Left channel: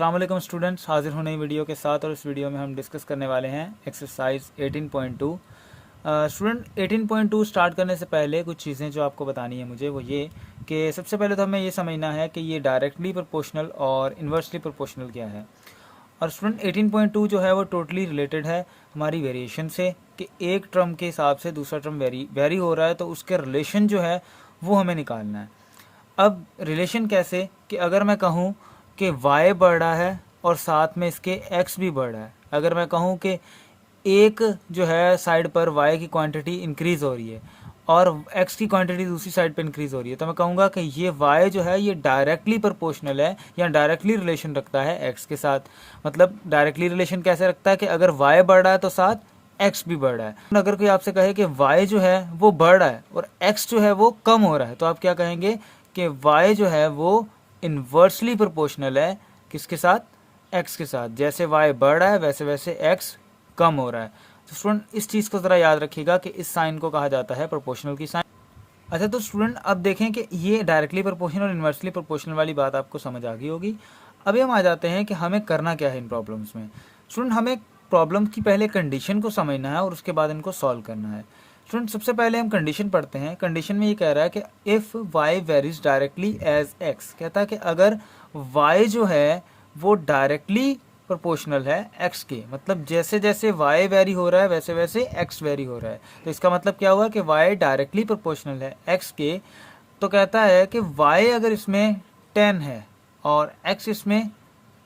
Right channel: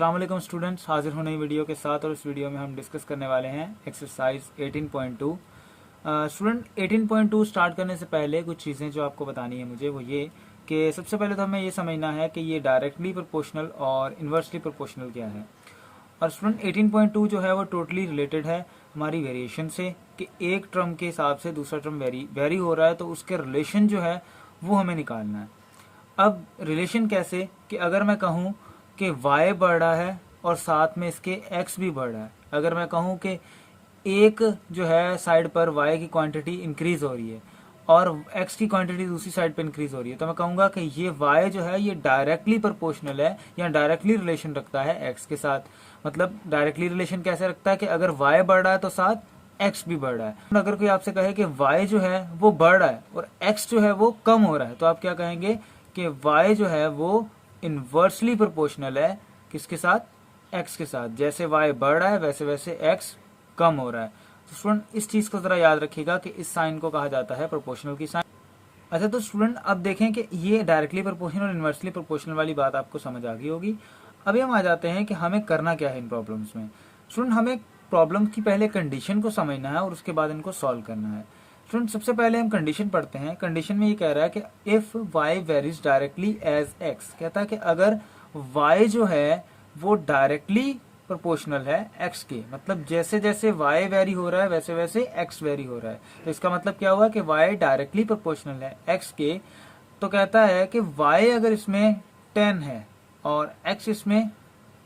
अस्सलाम वालेकुम स्टूडेंट्स, हाजिर हूँ नई वीडियो के साथ। और इस वीडियो में हम डिस्कस करने वाले हैं एक्सरसाइज 18.2। स्टूडेंट 18.2 स्टार्ट करने से पहले कुछ चीज़ें जो आपको बतानी है मुझे वो ये कि सबसे पहले तो हमें ये समझना है कि ये डायरेक्टली प्रोपोर्शनल और इन्वर्सली प्रोपोर्शनल क्या है। और स्टूडेंट 18.2 जो है वो टोटली रिलेटेड है हमारी वेरिएशन से, कि एक टर्म के हिसाब से दूसरा टर्म वेरी हो रहा है, तो उसके रिलेशन जो है वो हमें निकालना है। अब रिलेशन कैसे, कि अगर मैं कहूँ कि y बढ़ रहा है और साथ में इसके x भी बढ़ रहा है, अगर मैं कहूँ कि एक जो है साइड पर y की क्वांटिटी इंक्रीज हो रही है और x की क्वांटिटी दूसरी साइड पर इंक्रीज हो रही है, तो मैं कहूँगा कि ये y जो है ये डायरेक्टली प्रोपोर्शनल है या डायरेक्टली रिलेशन रखता है x के साथ। मतलब डायरेक्टली रिलेशन कैसे रखता है कि अगर y बढ़ रहा है तो साथ x भी बढ़ रहा है। अगर कोई आपसे कहे कि y जो है वो बढ़ रहा है और x जो है वो कम हो रहा है, तो आप क्या कहेंगे कि y जो है वो इन्वर्सली प्रोपोर्शनल है किसके साथ, x के साथ। जैसे y बढ़ रहा है वैसे वैसे x कम हो रहा है। तो स्टूडेंट इस चीज़ को ज़रा याद रखिएगा कि इस साइन को कहा जाता है प्रोपोर्शनल की साइन। अच्छा, तो स्टूडेंट अब देखें कि ये डायरेक्टली प्रोपोर्शनल और इन्वर्सली प्रोपोर्शनल वाली बात आपको समझ आ गई होगी। अभी हम आ जाते हैं कि हमें करना क्या है इन प्रॉब्लम्स में। स्टूडेंट हमें प्रॉब्लम की पहले कंडीशन को समझना है और उसके बाद इनको सॉल्व करना है। स्टूडेंट सबसे पहले हम कंडीशन पढ़ते हैं। कंडीशन में ये कह रहा है कि if y varies directly as x, कहता है कि अगर y जो है वो डायरेक्टली प्रोपोर्शनल है x के, मतलब जैसे जैसे y वेरी हो रहा है वैसे वैसे x वेरी हो रहा है। तो इसका मतलब क्या हुआ कि y डायरेक्टली प्रोपोर्शनल है x के। तो कहता है कि y अगर इसमें 10 है और x इसमें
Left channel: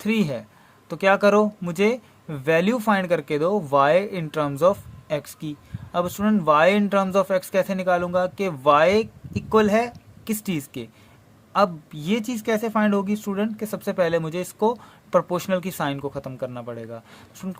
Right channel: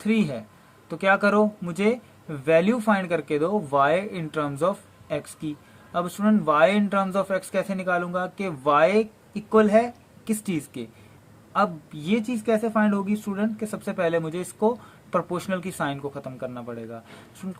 3 है, तो क्या करो, मुझे वैल्यू फाइंड करके दो y in terms of x की। अब student y in terms of x कैसे निकालूंगा कि y इक्वल है किस चीज़ के। अब ये चीज़ कैसे फाइंड होगी स्टूडेंट, कि सबसे पहले मुझे इसको प्रोपोर्शनल की साइन को ख़त्म करना पड़ेगा।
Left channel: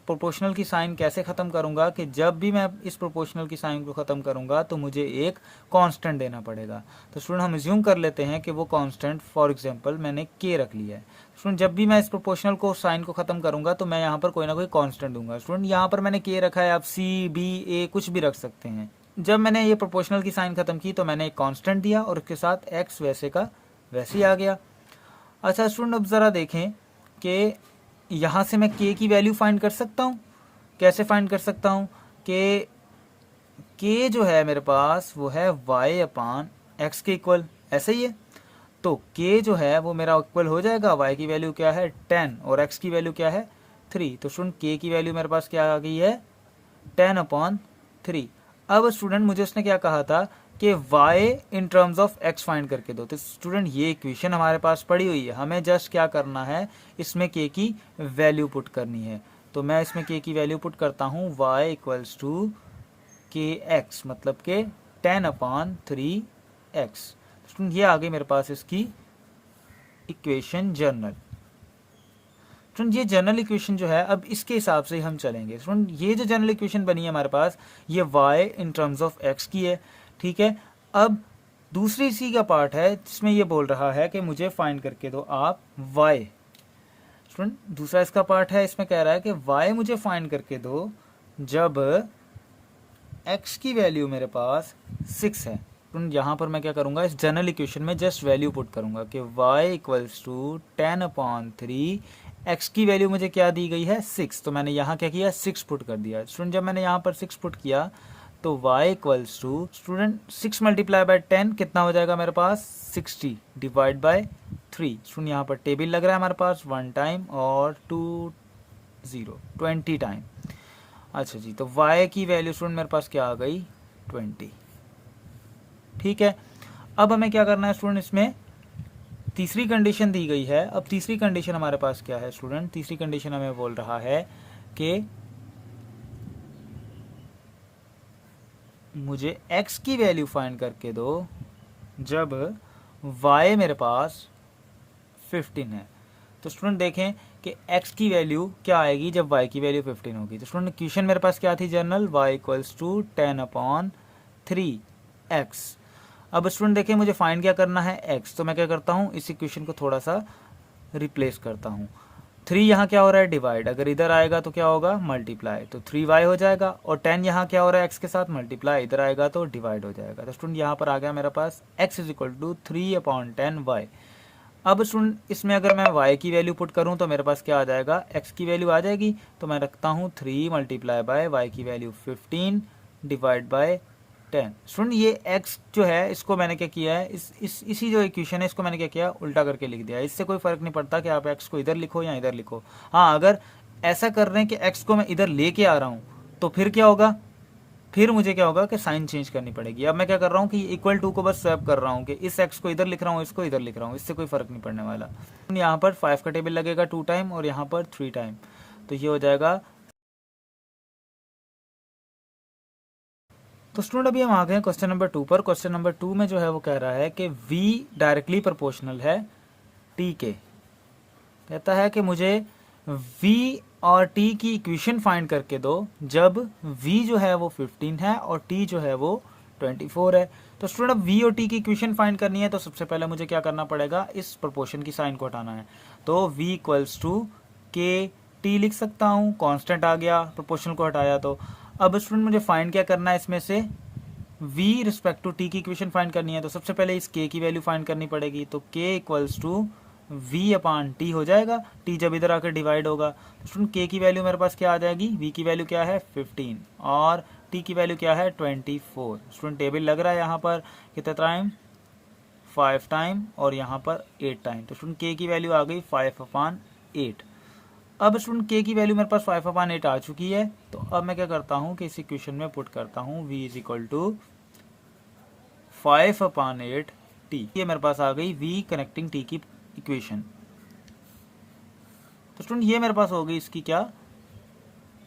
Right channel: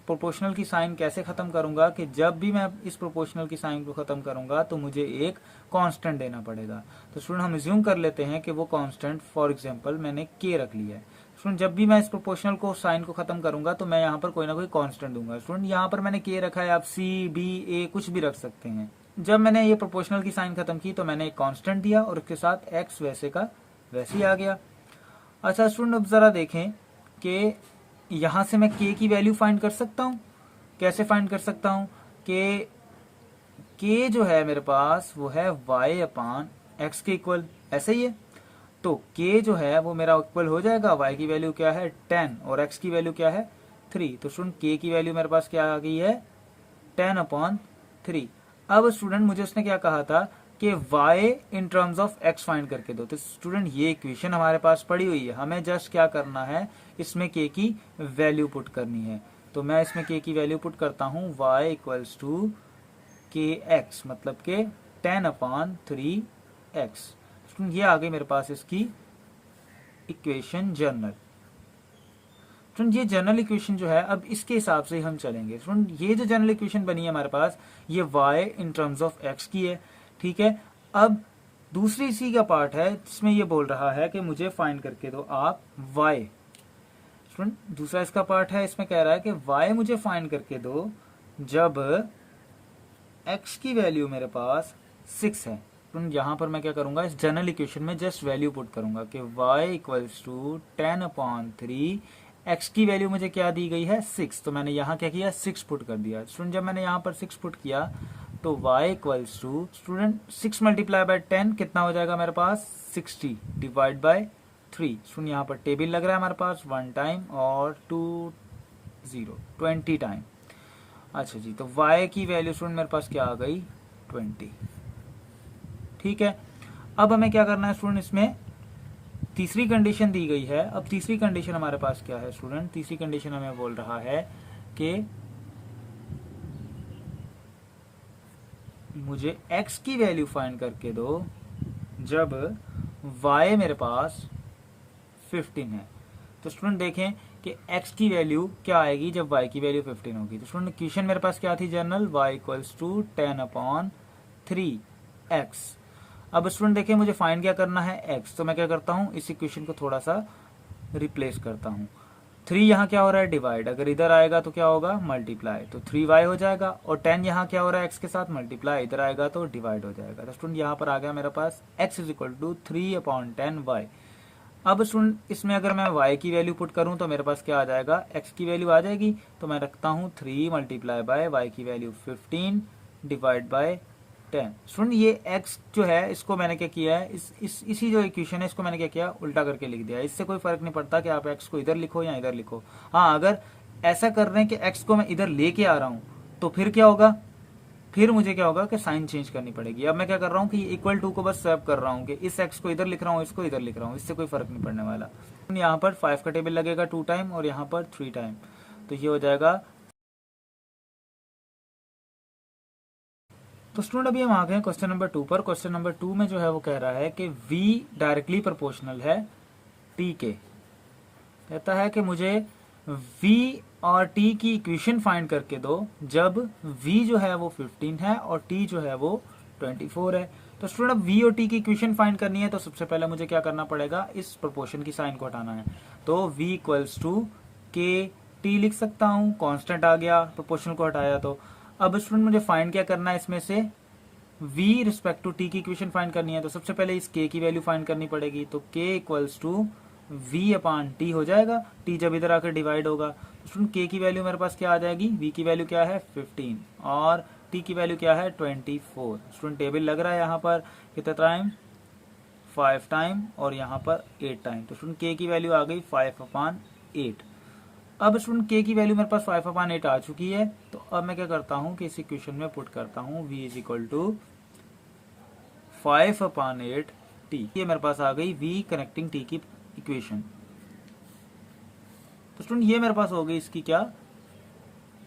प्रोपोर्शनल की साइन कैसे ख़त्म करूंगा, कि जब भी मैं इस प्रोपोर्शनल की साइन को ख़त्म करूंगा तो मुझे एक कांस्टेंट देना पड़ेगा। तो स्टूडेंट हम अज्यूम कर लेते हैं कि वो कांस्टेंट फॉर एग्जांपल मैंने k रख लिया है। स्टूडेंट जब भी मैं इस प्रोपोर्शनल को साइन को ख़त्म करूंगा तो मैं यहाँ पर कोई ना कोई कांस्टेंट दूंगा। स्टूडेंट यहाँ पर मैंने k रखा है, आप c b a कुछ भी रख सकते हैं। जब मैंने ये प्रोपोर्शनल की साइन ख़त्म की तो मैंने एक कांस्टेंट दिया और उसके साथ x वैसे का वैसे ही आ गया। अच्छा स्टूडेंट अब ज़रा देखें कि यहाँ से मैं k की वैल्यू फाइंड कर सकता हूँ। कैसे फाइंड कर सकता हूँ कि k जो है मेरे पास वो है y अपान x के इक्वल, ऐसे ही है। तो k जो है वो मेरा इक्वल हो जाएगा, y की वैल्यू क्या है 10 और x की वैल्यू क्या है 3। तो स्टूडेंट k की वैल्यू मेरे पास क्या आ गई है 10 अपॉन 3। अब स्टूडेंट मुझे उसने क्या कहा था कि y in terms of x find करके दो। तो स्टूडेंट ये इक्वेशन हमारे पास पड़ी हुई है, हमें जस्ट क्या करना है, इसमें k की वैल्यू पुट करनी है। तो मैं इसमें k की वैल्यू पुट करता हूँ y इक्वल्स टू kx, मतलब के 10 अपॉन 3x। स्टूडेंट ये आ गई मेरे पास इसकी इक्वेशन जनरल। स्टूडेंट ये जनरल इक्वेशन जो है अब इसके हिसाब से ही हम चलेंगे। स्टूडेंट ये जो जनरल इक्वेशन बनी है हमारे पास ये y in terms of x की है, ठीक है। अब दूसरी इसी का पार्ट है जिसमें ये बोल रहा है कि मुझे फाइंड करके दो आप y। स्टूडेंट दूसरा इसका पार्ट है, इसमें कह रहा है कि y मुझे फाइंड करके दो जब x की वैल्यू मेरे पास 6 है। यहाँ पर मैं क्या करूंगा, इस जनरल इक्वेशन में जस्ट वैल्यू पुट करूंगा कि y equals to 10 upon 3, x की वैल्यू मुझे क्या दी गई है 6। तो मैंने यहाँ क्या किया 6 पुट कर दिया। स्टूडेंट जब मैंने यहाँ पर 6 पुट किया तो y equals to student 6 multiply by 10 कितना हो जाएगा मेरे पास 60 डिवाइड बाय 3। स्टूडेंट यहाँ पर टेबल लग रहा है हमारे पास 1 टाइम और 20 टाइम। अच्छा जी, तो y की वैल्यू स्टूडेंट मेरे पास क्या आ गई 20, ठीक है। अब हमें क्या करना है स्टूडेंट, इसमें तीसरी कंडीशन दी गई है। अब तीसरी कंडीशन हमारे पास क्या है स्टूडेंट, तीसरी कंडीशन हमें बोल रहा है कि मुझे x की वैल्यू फाइंड करके दो जब y मेरे पास 15 है। तो स्टूडेंट देखें कि x की वैल्यू क्या आएगी जब y की वैल्यू 15 होगी। तो स्टूडेंट इक्वेशन मेरे पास क्या थी general, y equals to 10 upon 3x। अब स्टूडेंट देखिए मुझे फाइंड क्या करना है x, तो मैं क्या करता हूँ इस इक्वेशन को थोड़ा सा रिप्लेस करता हूँ। 3 यहाँ क्या हो रहा है डिवाइड, अगर इधर आएगा तो क्या होगा मल्टीप्लाई, तो 3y हो जाएगा। और 10 यहाँ क्या हो रहा है x के साथ मल्टीप्लाई, इधर आएगा तो डिवाइड हो जाएगा। तो स्टूडेंट यहाँ पर आ गया मेरे पास x is equal to 3 upon 10y। अब स्टूडेंट इसमें अगर मैं y की वैल्यू पुट करूं तो मेरे पास क्या आ जाएगा, x की वैल्यू आ जाएगी, तो मैं रखता हूं 3 मल्टीप्लाई बाय y की वैल्यू 15 डिवाइड बाय 10। स्टूडेंट ये x जो है इसको मैंने क्या किया है, इसी जो इक्वेशन है इसको मैंने क्या किया, उल्टा करके लिख दिया। इससे कोई फर्क नहीं पड़ता कि आप x को इधर लिखो या इधर लिखो। हाँ, अगर ऐसा कर रहे हैं कि x को मैं इधर लेके आ रहा हूं तो फिर क्या होगा, फिर मुझे क्या होगा कि साइन चेंज करनी पड़ेगी। अब मैं क्या कर रहा हूँ कि इक्वल टू को बस स्वैप कर रहा हूँ कि इस x को इधर लिख रहा हूँ, इसको इधर लिख रहा हूँ, इससे कोई फर्क नहीं पड़ने वाला। यहाँ पर 5 का टेबल लगेगा 2 टाइम और यहाँ पर 3 टाइम, तो ये हो जाएगा। तो स्टूडेंट अभी हम आ गए क्वेश्चन नंबर 2 पर। क्वेश्चन नंबर 2 में जो है वो कह रहा है कि v डायरेक्टली प्रोपोर्शनल है t के। कहता है कि मुझे v और t की इक्वेशन फाइंड करके दो जब v जो है वो 15 है और t जो है वो 24 है। तो स्टूडेंट अब v और t की इक्वेशन फाइंड करनी है तो सबसे पहले मुझे क्या करना पड़ेगा, इस प्रोपोर्शन की साइन को हटाना है। तो v इक्वल्स टू के टी लिख सकता हूँ, कांस्टेंट आ गया प्रोपोर्शनल को हटाया तो। अब स्टूडेंट मुझे फाइंड क्या करना है, इसमें से v रिस्पेक्ट टू t की इक्वेशन फाइंड करनी है। तो सबसे पहले इस k की वैल्यू फाइंड करनी पड़ेगी, तो k equals to v upon t हो जाएगा, t जब इधर आकर डिवाइड होगा तो स्टूडेंट k की वैल्यू मेरे पास क्या आ जाएगी, v की वैल्यू क्या है 15 और t की वैल्यू क्या है 24। स्टूडेंट टेबल लग रहा है यहाँ पर कितना टाइम, 5 टाइम और यहाँ पर 8 टाइम। तो स्टूडेंट k की वैल्यू आ गई 5 अपॉन 8। अब स्टूडेंट k की वैल्यू मेरे पास 5 अपॉन 8 आ चुकी है। तो अब मैं क्या करता हूँ कि इस इक्वेशन में पुट करता हूँ v is equal to 5 upon 8 t। ये मेरे पास आ गई v कनेक्टिंग t की इक्वेशन। तो स्टूडेंट ये मेरे पास हो गई इसकी क्या,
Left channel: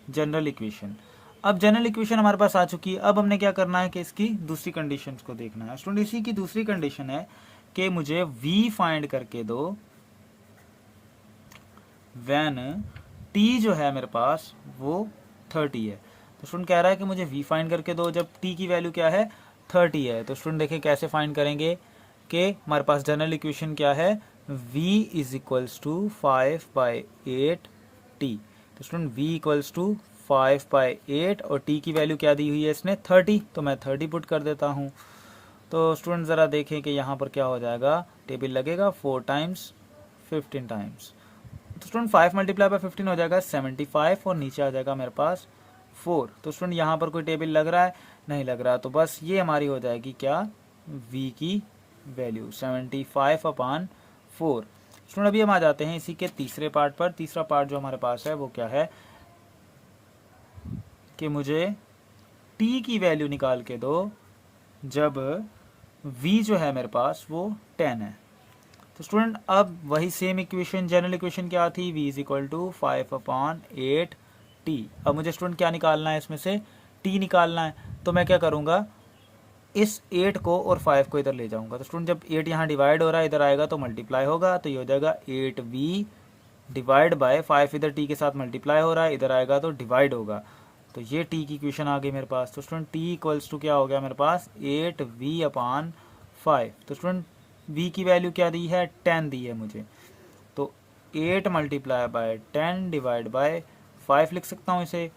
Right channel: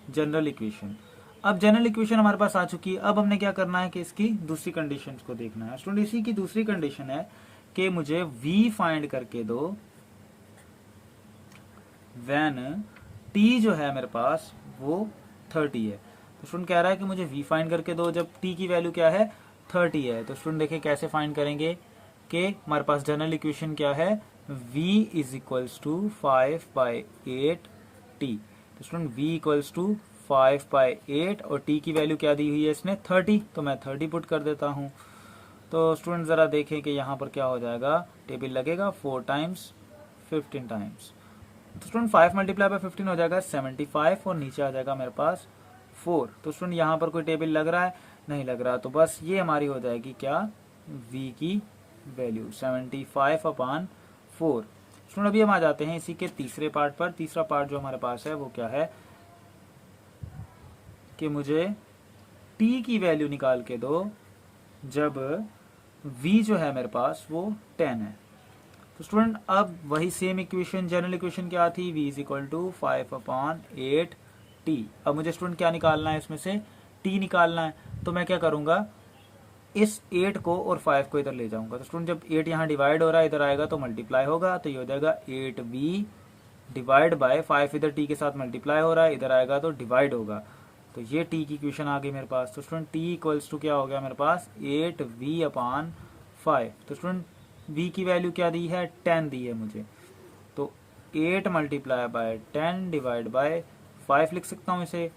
जनरल इक्वेशन। अब जनरल इक्वेशन हमारे पास आ चुकी है। अब हमने क्या करना है कि इसकी दूसरी कंडीशंस को देखना है। स्टूडेंट इसी की दूसरी कंडीशन है कि मुझे v फाइंड करके दो व्हेन t जो है मेरे पास वो 30 है। तो स्टूडेंट कह रहा है कि मुझे v फाइंड करके दो जब t की वैल्यू क्या है 30 है। तो स्टूडेंट देखिए कैसे फाइंड करेंगे कि हमारे पास जनरल इक्वेशन क्या है, v is equals to 5 by 8 t। तो student v equals to 5 by 8 और t की वैल्यू क्या दी हुई है इसने 30, तो मैं 30 पुट कर देता हूँ। तो स्टूडेंट ज़रा देखें कि यहाँ पर क्या हो जाएगा, टेबल लगेगा 4 टाइम्स 15 टाइम्स। तो स्टूडेंट 5 मल्टीप्लाई बाय 15 हो जाएगा 75 और नीचे आ जाएगा मेरे पास 4। तो स्टूडेंट यहाँ पर कोई टेबल लग रहा है, नहीं लग रहा, तो बस ये हमारी हो जाएगी क्या, v की वैल्यू 75 अपॉन 4। स्टूडेंट अभी हम आ जाते हैं इसी के तीसरे पार्ट पर। तीसरा पार्ट जो हमारे पास है वो क्या है कि मुझे t की वैल्यू निकाल के दो जब v जो है मेरे पास वो 10 है। तो स्टूडेंट अब वही सेम इक्वेशन, जनरल इक्वेशन क्या थी, v is equal to 5 upon 8 t। अब मुझे स्टूडेंट क्या निकालना है, इसमें से t निकालना है। तो मैं क्या करूंगा, इस 8 को और 5 को इधर ले जाऊंगा। तो स्टूडेंट जब 8 यहाँ डिवाइड हो रहा है इधर आएगा तो मल्टीप्लाई होगा, तो ये हो जाएगा 8v डिवाइड बाय 5 इधर t के साथ मल्टीप्लाई हो रहा है, इधर आएगा तो डिवाइड होगा। तो ये t की इक्वेशन आ गई मेरे पास। तो स्टूडेंट t इक्वल्स टू क्या हो गया मेरे पास 8v अपॉन 5। तो स्टूडेंट v की वैल्यू क्या दी है 10 दी है मुझे, तो 8 मल्टीप्लाई बाय 10 डिवाइड बाय 5 लिख सकता हूँ इसे।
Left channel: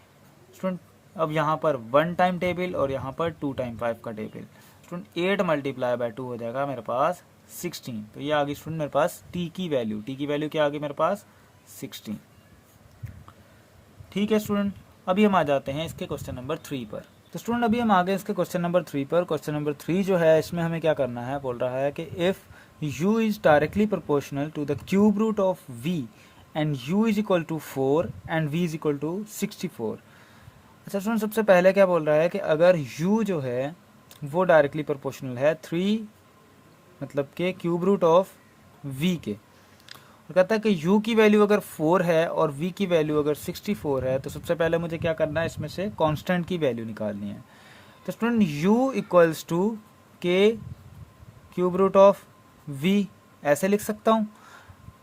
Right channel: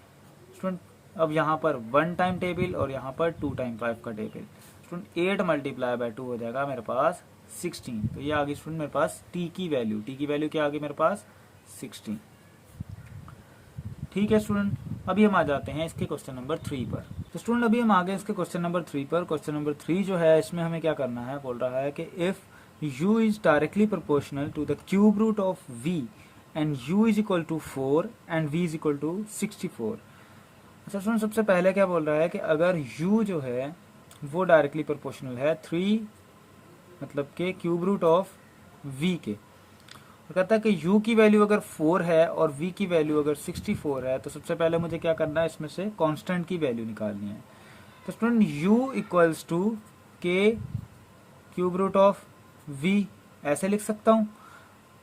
स्टूडेंट अब यहाँ पर 1 टाइम टेबल और यहाँ पर 2 टाइम 5 का टेबल। स्टूडेंट 8 मल्टीप्लाई बाय 2 हो जाएगा मेरे पास 16। तो ये आ गई स्टूडेंट मेरे पास t की वैल्यू। t की वैल्यू क्या आ गई मेरे पास 16। ठीक है स्टूडेंट, अभी हम आ जाते हैं इसके क्वेश्चन नंबर 3 पर। तो स्टूडेंट अभी हम आ गए इसके क्वेश्चन नंबर 3 पर। क्वेश्चन नंबर 3 जो है इसमें हमें क्या करना है, बोल रहा है कि if u is directly proportional to the cube root of v and u is equal to 4 and v is equal to 64। अच्छा सुन, सबसे पहले क्या बोल रहा है कि अगर u जो है वो डायरेक्टली प्रोपोर्शनल है 3 मतलब के क्यूब रूट ऑफ v के। तो कहता है कि u की वैल्यू अगर 4 है और v की वैल्यू अगर 64 है तो सबसे पहले मुझे क्या करना है, इसमें से कांस्टेंट की वैल्यू निकालनी है। तो स्टूडेंट u इक्वल्स टू के क्यूब रूट ऑफ v ऐसे लिख सकता हूँ।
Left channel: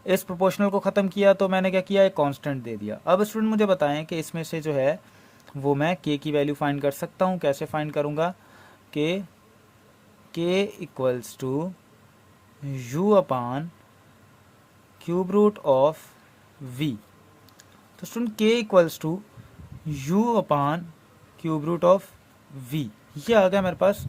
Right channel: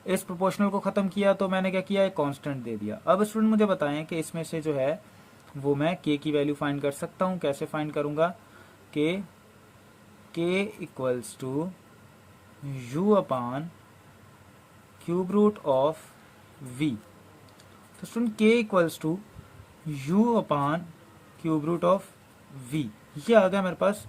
इस प्रोपोर्शनल को ख़त्म किया तो मैंने क्या किया, एक कांस्टेंट दे दिया। अब स्टूडेंट मुझे बताएं कि इसमें से जो है वो मैं k की वैल्यू फाइंड कर सकता हूँ। कैसे फाइंड करूँगा, k equals to u upon cube root of v। तो student k equals to u upon cube root of v, ये आ गया मेरे पास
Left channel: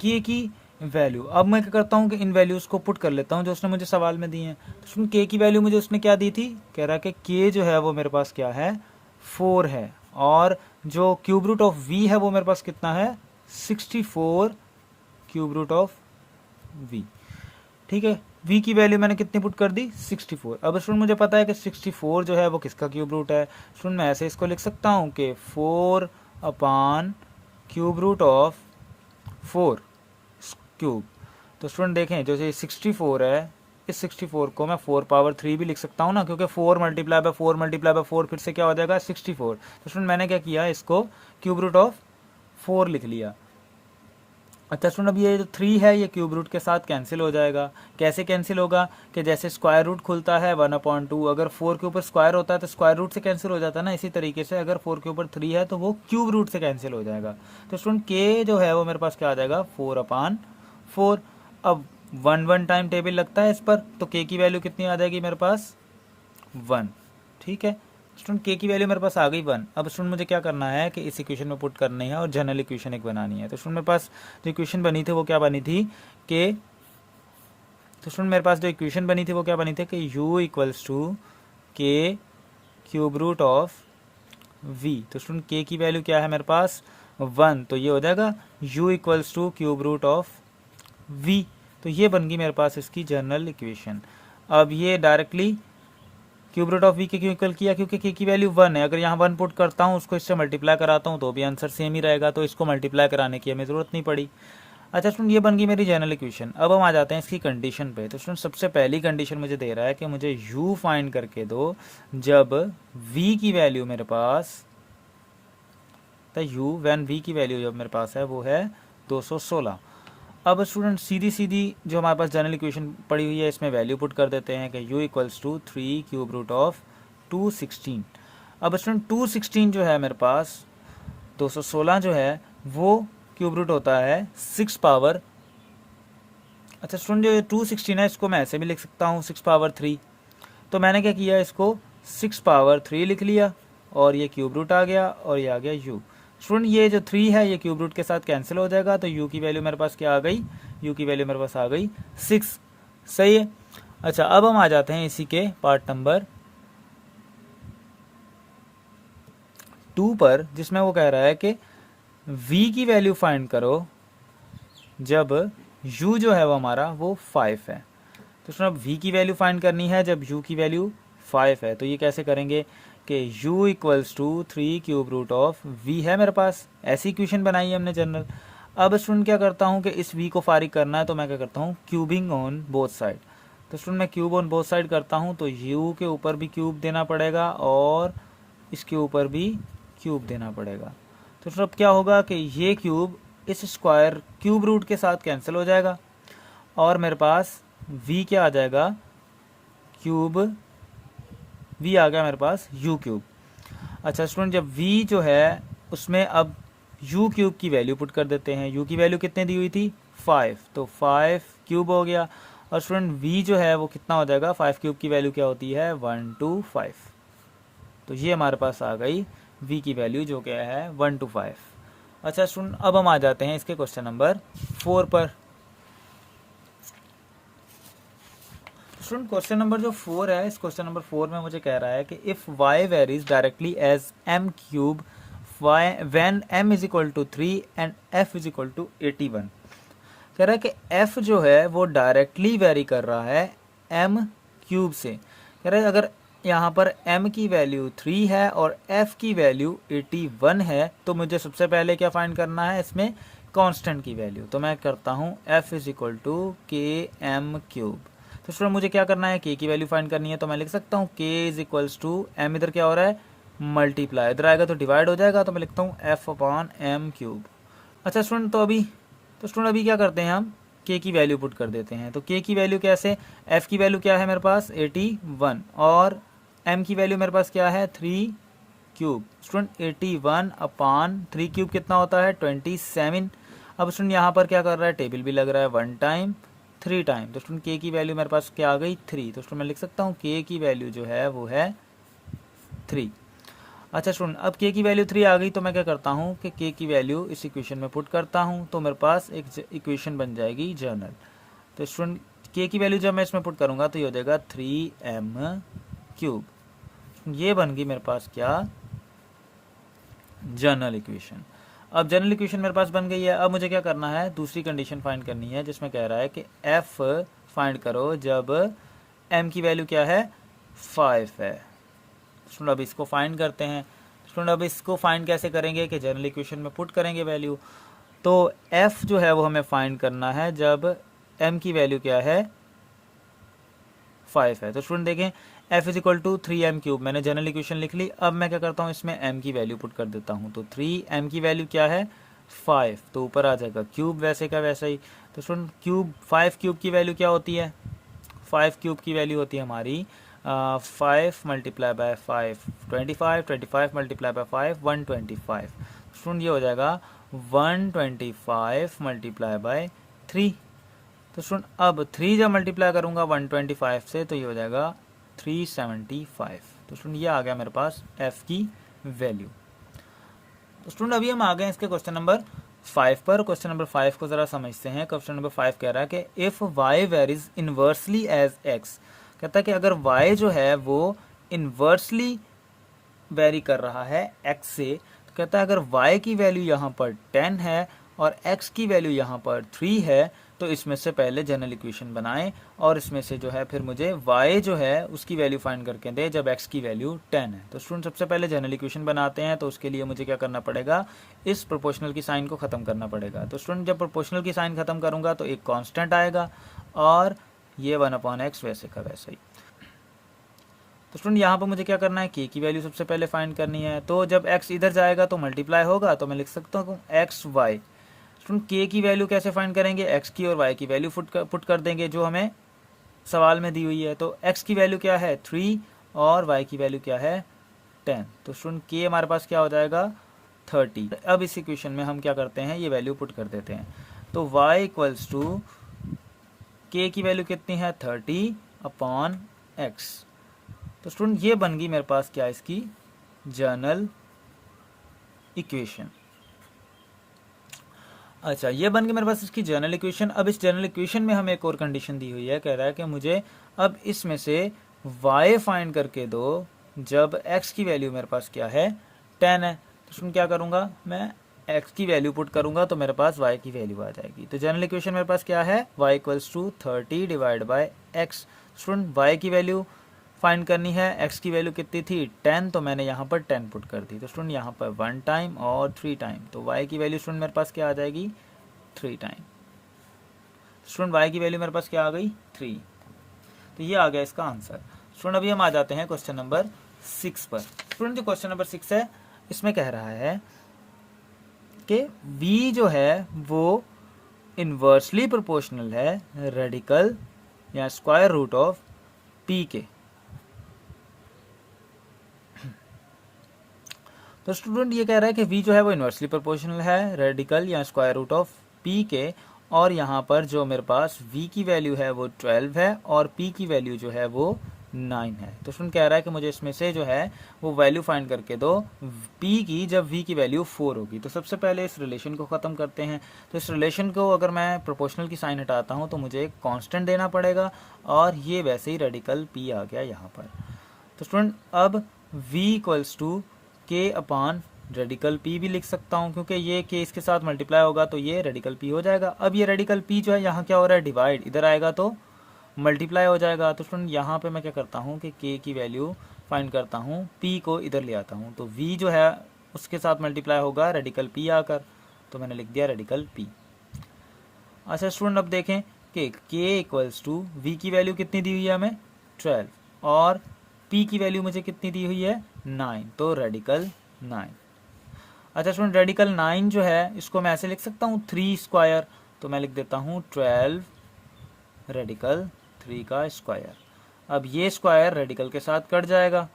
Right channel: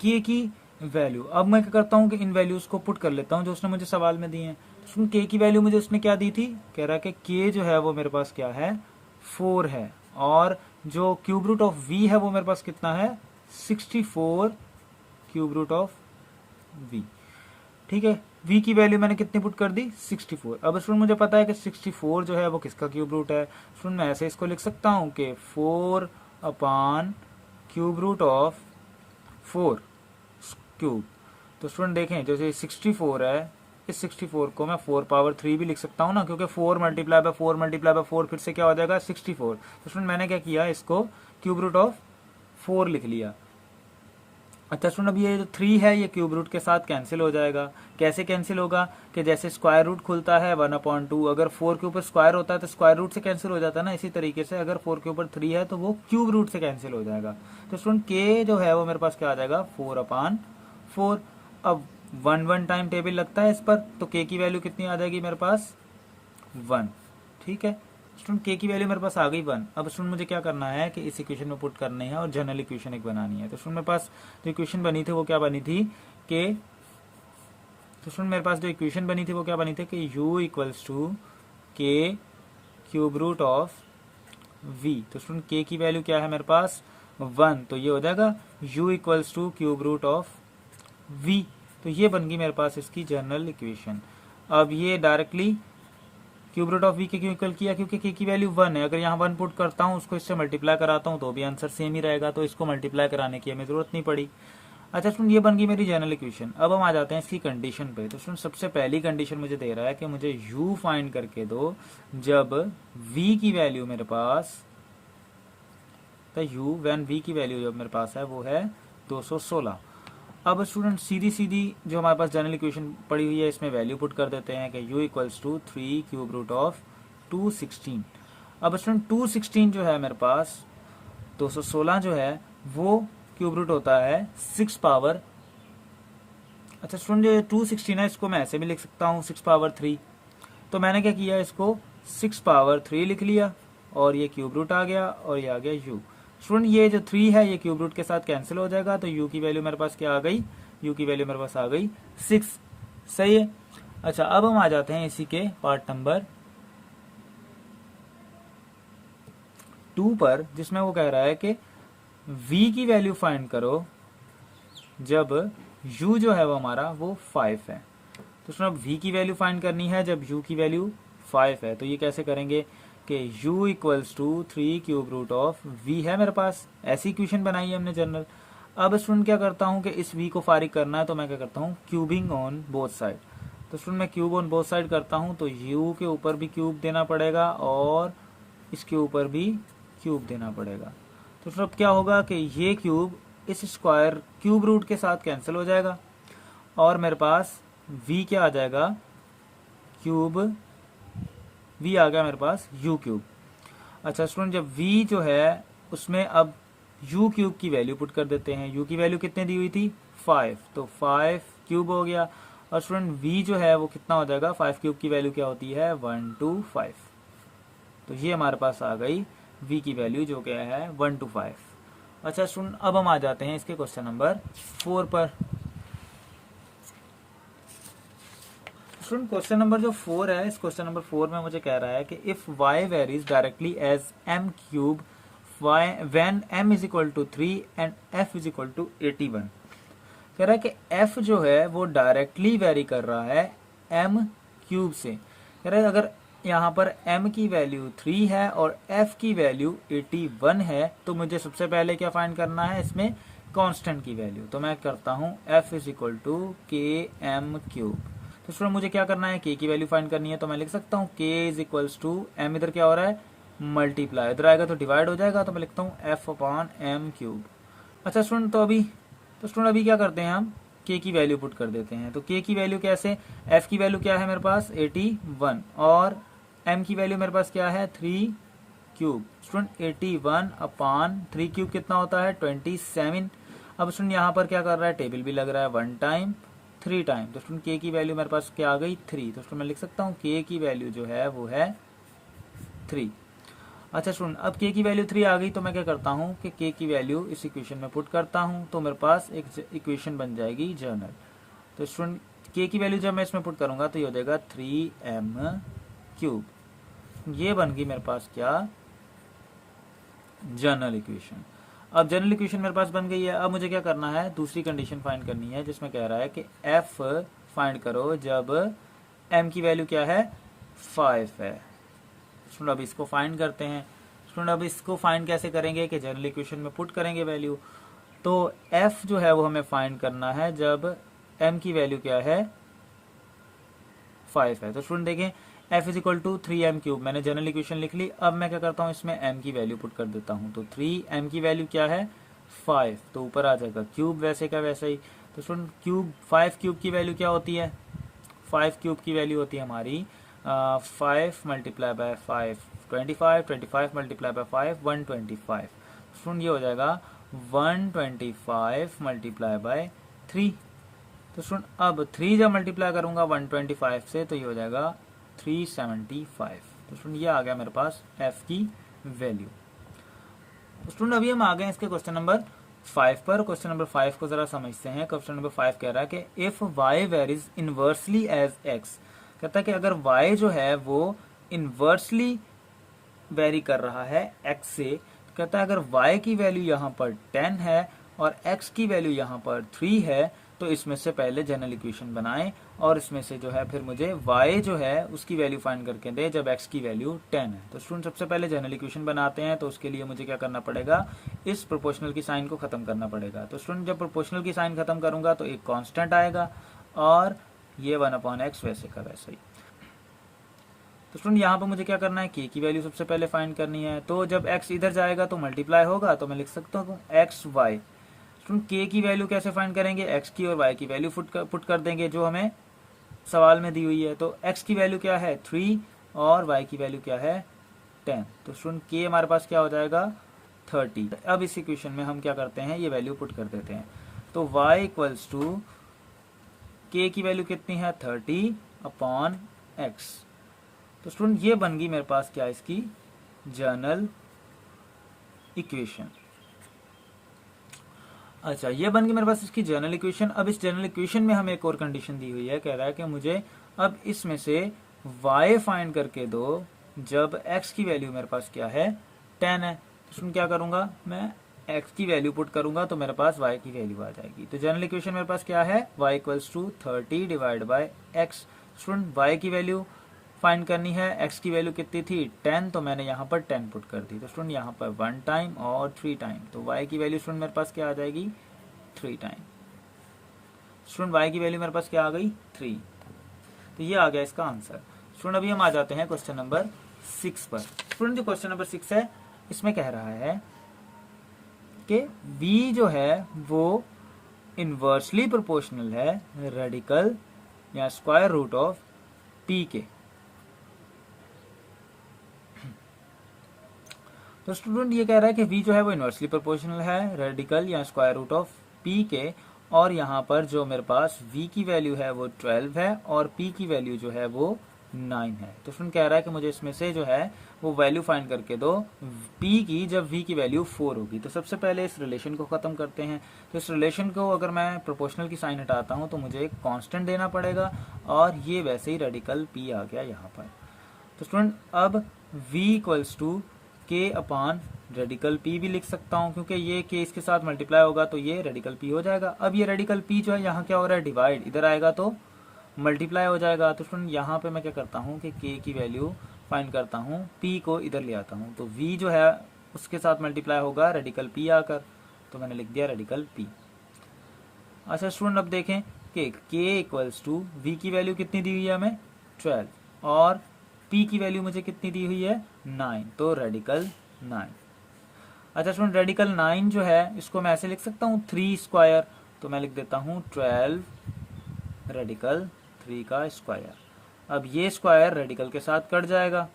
k की वैल्यू। अब मैं क्या करता हूँ कि इन वैल्यूज़ को पुट कर लेता हूँ जो उसने मुझे सवाल में दी हैं। तो सुन के की वैल्यू मुझे उसने क्या दी थी, कह रहा है कि के जो है वो मेरे पास क्या है 4 है, और जो क्यूब रूट ऑफ वी है वो मेरे पास कितना है 64 क्यूब रूट ऑफ वी। ठीक है, v की वैल्यू मैंने कितनी पुट कर दी 64। अब स्टूडेंट मुझे पता है कि 64 जो है वो किसका क्यूब रूट है। स्टूडेंट मैं ऐसे इसको लिख सकता हूँ कि 4 अपान क्यूब रूट ऑफ 4 क्यूब। तो स्टूडेंट देखें जो ये 64 है, इस 64 को मैं 4 पावर 3 भी लिख सकता हूँ ना, क्योंकि 4 मल्टीप्लाई बाय 4 मल्टीप्लाई बाय 4 फिर से क्या हो जाएगा 64। तो स्टूडेंट मैंने क्या किया, इसको क्यूब रूट ऑफ 4 लिख लिया। अच्छा स्टूडेंट अब ये जो 3 है ये क्यूब रूट के साथ कैंसिल हो जाएगा। कैसे कैंसिल होगा कि जैसे स्क्वायर रूट खुलता है 1/2, अगर 4 के ऊपर स्क्वायर होता है तो स्क्वायर रूट से कैंसिल हो जाता है ना, इसी तरीके से अगर 4 के ऊपर 3 है तो वो क्यूब रूट से कैंसिल हो जाएगा। तो स्टूडेंट के जो है वो मेरे पास क्या आ जाएगा 4/4। अब 1 टाइम टेबल लगता है इस पर, तो के की वैल्यू कितनी आ जाएगी मेरे पास 1। ठीक है स्टूडेंट के की वैल्यू मेरे पास आ गई 1। अब स्टूडेंट मुझे क्या करना है कि इस इक्वेशन में पुट करनी है और जनरल इक्वेशन एक बनानी है। तो स्टूडेंट मेरे पास जो इक्वेशन बनी थी वो क्या बनी थी कि, तो स्टूडेंट मेरे पास जो इक्वेशन बनी थी वो क्या बनी थी कि u इक्वल्स टू के क्यूब रूट ऑफ v। तो स्टूडेंट के की वैल्यू क्या है मेरे पास 1, तो ये हो जाएगा u equals to cube root of v। तो ये बन गई मेरे पास इसकी जनरल इक्वेशन। अब ये directly cube root of V के क्यों इक्वल किया, क्योंकि के की वैल्यू 1 है। अगर यहाँ 1 पुट करता हूँ उसको इससे मल्टीप्लाई कराता हूँ तो भी आंसर सेम ही रहेगा, तो इसको मल्टीप्लाई कराने की हमें जरूरत नहीं पड़ी। अच्छा स्टूडेंट ये बन गई मेरी जनरल इक्वेशन। अब हम आ जाते हैं इसकी कंडीशन पे। तो स्टूडेंट सबसे पहली कंडीशन मुझे दे रहा है कि मुझे u फाइंड करके दो जब v की वैल्यू मेरे पास, तो u व्हेन v की वैल्यू जब मेरे पास है वो है 216। अब स्टूडेंट सीधी सीधी जो हमारे पास जनरल इक्वेशन पड़ी हुई है इसमें वैल्यू पुट कर देते हैं कि u equals to 3 cube root of 216। अब स्टूडेंट 216 जो है मेरे पास 216 जो है वो क्यूब रूट होता है 6 पावर। अच्छा स्टूडेंट जो 216 है इसको मैं ऐसे भी लिख सकता हूँ 6 पावर 3। तो मैंने क्या किया, इसको 6 पावर 3 लिख लिया और ये क्यूब रूट आ गया और ये आ गया u। स्टूडेंट ये जो 3 है ये क्यूब रूट के साथ कैंसिल हो जाएगा, तो u की वैल्यू मेरे पास क्या आ गई, u की वैल्यू मेरे पास आ गई 6। सही है। अच्छा अब हम आ जाते हैं इसी के पार्ट नंबर 2 पर, जिसमें वो कह रहा है कि v की वैल्यू फाइंड करो जब u जो है वो हमारा वो 5 है। तो स्टूडेंट अब v की वैल्यू फाइंड करनी है जब u की वैल्यू 5 है। तो ये कैसे करेंगे कि u equals to 3 cube root of v है मेरे पास, ऐसी इक्वेशन बनाई है हमने जनरल। अब स्टूडेंट क्या करता हूँ कि इस v को फारिग करना है, तो मैं क्या करता हूँ क्यूबिंग ऑन बोथ साइड। तो स्टूडेंट मैं क्यूब ऑन बोथ साइड करता हूँ तो u के ऊपर भी क्यूब देना पड़ेगा और इसके ऊपर भी क्यूब देना पड़ेगा। तो स्टूडेंट अब क्या होगा कि ये क्यूब इस स्क्वायर क्यूब रूट के साथ कैंसिल हो जाएगा और मेरे पास v क्या आ जाएगा, क्यूब v आ गया मेरे पास u क्यूब। अच्छा स्टूडेंट जब v जो है उसमें अब u क्यूब की वैल्यू पुट कर देते हैं। u की वैल्यू कितने दी हुई थी 5, तो 5 क्यूब हो गया। और स्टूडेंट v जो है वो कितना हो जाएगा, 5 क्यूब की वैल्यू क्या होती है 125। तो ये हमारे पास आ गई v की वैल्यू जो क्या है 125। अच्छा स्टूडेंट अब हम आ जाते हैं इसके क्वेश्चन नंबर 4 पर। स्टूडेंट क्वेश्चन नंबर जो 4 है, इस क्वेश्चन नंबर 4 में मुझे कह रहा है कि if y varies directly as m cube when m is equal to 3 and f is equal to 81। कह रहा है कि f जो है वो डायरेक्टली वेरी कर रहा है m क्यूब से। कह रहा है अगर यहाँ पर m की वैल्यू 3 है और f की वैल्यू 81 है तो मुझे सबसे पहले क्या फाइंड करना है, इसमें कांस्टेंट की वैल्यू। तो मैं करता हूँ f इज इक्वल टू के एम क्यूब। तो स्टूडेंट मुझे क्या करना है, k की वैल्यू फाइंड करनी है। तो मैं लिख सकता हूँ k is equals to m, इधर क्या हो रहा है मल्टीप्लाई, इधर आएगा तो डिवाइड हो जाएगा, तो मैं लिखता हूँ f अपॉन एम क्यूब। अच्छा स्टूडेंट तो स्टूडेंट अभी क्या करते हैं हम k की वैल्यू पुट कर देते हैं। तो k की वैल्यू कैसे, f की वैल्यू क्या है मेरे पास 81 और m की वैल्यू मेरे पास क्या है 3 क्यूब। स्टूडेंट 81 अपॉन 3 क्यूब कितना होता है 27। अब स्टूडेंट यहाँ पर क्या कर रहा है, टेबल भी लग रहा है 1 टाइम 3 टाइम। तो स्टूडेंट k की वैल्यू मेरे पास क्या आ गई 3। तो स्टूडेंट मैं लिख सकता हूँ k की वैल्यू जो है वो है 3। अच्छा स्टूडेंट, अब k की वैल्यू 3 आ गई तो मैं क्या करता हूँ कि k की वैल्यू इस इक्वेशन में पुट करता हूँ, तो मेरे पास एक इक्वेशन बन जाएगी जर्नल। तो स्टूडेंट k की वैल्यू जब मैं इसमें पुट करूँगा तो ये हो जाएगा 3m³। ये बन गई मेरे पास क्या, जनरल इक्वेशन। अब जनरल इक्वेशन मेरे पास बन गई है। अब मुझे क्या करना है, दूसरी कंडीशन फाइंड करनी है जिसमें कह रहा है कि f फाइंड करो जब m की वैल्यू क्या है, 5 है। स्टूडेंट अब इसको फाइंड करते हैं। स्टूडेंट अब इसको फाइंड कैसे करेंगे कि जनरल इक्वेशन में पुट करेंगे वैल्यू। तो f जो है वो हमें फाइंड करना है जब m की वैल्यू क्या है, 5 है। तो स्टूडेंट देखें f is equal to 3m³, मैंने जनरल इक्वेशन लिख ली। अब मैं क्या करता हूँ, इसमें m की वैल्यू पुट कर देता हूँ। तो 3m की वैल्यू क्या है, 5, तो ऊपर आ जाएगा क्यूब वैसे का वैसा ही। तो स्टूडेंट क्यूब 5 क्यूब की वैल्यू क्या होती है, 5 क्यूब की वैल्यू होती है हमारी 5 multiply by 5 25, 25 multiply by 5 125। Student ये हो जाएगा 125 मल्टीप्लाई बाय 3। तो स्टूडेंट अब 3 जब मल्टीप्लाई करूंगा 125 से तो ये हो जाएगा 375। तो स्टूडेंट ये आ गया मेरे पास f की वैल्यू। स्टूडेंट अभी हम आ गए इसके क्वेश्चन नंबर 5 पर। क्वेश्चन नंबर 5 को जरा समझते हैं। क्वेश्चन नंबर 5 कह रहा है कि if y varies inversely as x, कहता है कि अगर y जो है वो इनवर्सली वेरी कर रहा है x से, तो कहता है अगर y की वैल्यू यहाँ पर 10 है और x की वैल्यू यहाँ पर 3 है तो इसमें से पहले जनरल इक्वेशन बनाएं और इसमें से जो है फिर मुझे y जो है उसकी वैल्यू फाइंड करके दे जब x की वैल्यू 10 है। तो स्टूडेंट सबसे पहले जनरल इक्वेशन बनाते हैं। तो उसके लिए मुझे क्या करना पड़ेगा, इस प्रोपोर्शनल की साइन को खत्म करना पड़ेगा। तो स्टूडेंट जब प्रोपोर्शनल की साइन खत्म करूंगा तो एक कांस्टेंट आएगा और ये 1/x वैसे का वैसे ही। तो स्टूडेंट यहाँ पर मुझे क्या करना है, k की वैल्यू सबसे पहले फाइंड करनी है। तो जब x इधर जाएगा तो मल्टीप्लाई होगा, तो मैं लिख सकता हूँ एक्स वाई। स्टूडेंट k की वैल्यू कैसे फाइंड करेंगे, x की और y की वैल्यू पुट कर देंगे जो हमें सवाल में दी हुई है। तो x की वैल्यू क्या है 3 और y की वैल्यू क्या है 10। तो स्टूडेंट k हमारे पास क्या हो जाएगा 30। अब इस इक्वेशन में हम क्या करते हैं, ये वैल्यू पुट कर देते हैं। तो y इक्वल्स टू k की वैल्यू कितनी है 30/x। तो स्टूडेंट ये बन गई मेरे पास क्या, इसकी जनरल इक्वेशन। अच्छा ये बन गई मेरे पास इसकी जनरल इक्वेशन। अब इस जनरल इक्वेशन में हमें एक और कंडीशन दी हुई है, कह रहा है कि मुझे अब इसमें से y फाइंड करके दो जब x की वैल्यू मेरे पास क्या है 10 है। तो स्टूडेंट क्या करूंगा, मैं x की वैल्यू पुट करूंगा तो मेरे पास y की वैल्यू आ जाएगी। तो जनरल इक्वेशन मेरे पास क्या है, y equals to 30 divide by x। Student y की वैल्यू फाइंड करनी है, x की वैल्यू कितनी थी 10, तो मैंने यहाँ पर 10 पुट कर दी। तो स्टूडेंट यहाँ पर 1 टाइम और 3 टाइम, तो y की वैल्यू स्टूडेंट मेरे पास क्या आ जाएगी 3 टाइम। स्टूडेंट y की वैल्यू मेरे पास क्या आ गई 3। तो ये आ गया इसका आंसर। स्टूडेंट अभी हम आ जाते हैं क्वेश्चन नंबर 6 पर। स्टूडेंट जो क्वेश्चन नंबर 6 है इसमें कह रहा है कि v जो है वो इनवर्सली प्रोपोर्शनल है रेडिकल या स्क्वायर रूट ऑफ p के। तो स्टूडेंट ये कह रहा है कि v जो है वो इनवर्सली प्रोपोर्शनल है रेडिकल या स्क्वायर रूट ऑफ p के, और यहाँ पर जो मेरे पास v की वैल्यू है वो 12 है और p की वैल्यू जो है वो 9 है। तो स्टूडेंट कह रहा है कि मुझे इसमें से जो है वो वैल्यू फाइंड करके दो p की जब v की वैल्यू 4 होगी। तो सबसे पहले इस रिलेशन को ख़त्म करते हैं। तो इस रिलेशन को अगर मैं प्रोपोर्शनल की साइन हटाता हूँ तो मुझे एक कॉन्स्टेंट देना पड़ेगा और ये वैसे ही रेडिकल p आ गया यहाँ पर। तो स्टूडेंट अब v equals to k upon radical p भी लिख सकता हूँ, क्योंकि ये k इसके साथ मल्टीप्लाई होगा तो ये रेडिकल p हो जाएगा। अब ये रेडिकल p जो है यहाँ क्या हो रहा है डिवाइड, इधर आएगा तो मल्टीप्लाई हो जाएगा। तो स्टूडेंट यहाँ पे मैं क्या करता हूँ कि k की वैल्यू फाइंड करता हूँ, p को इधर ले आता हूँ, तो v जो है उसके साथ मल्टीप्लाई होगा रेडिकल p आकर, तो मैंने लिख दिया रेडिकल p। अच्छा स्टूडेंट अब देखें कि k इक्वल्स टू v की वैल्यू कितनी दी हुई है हमें 12 और p की वैल्यू मुझे कितनी दी हुई है 9, तो रेडिकल 9। अच्छा स्टूडेंट रेडिकल 9 जो है इसको मैं ऐसे लिख सकता हूँ 3 स्क्वायर, तो मैं लिख देता हूँ 12 रेडिकल 3 का स्क्वायर। अब ये स्क्वायर रेडिकल के साथ कट जाएगा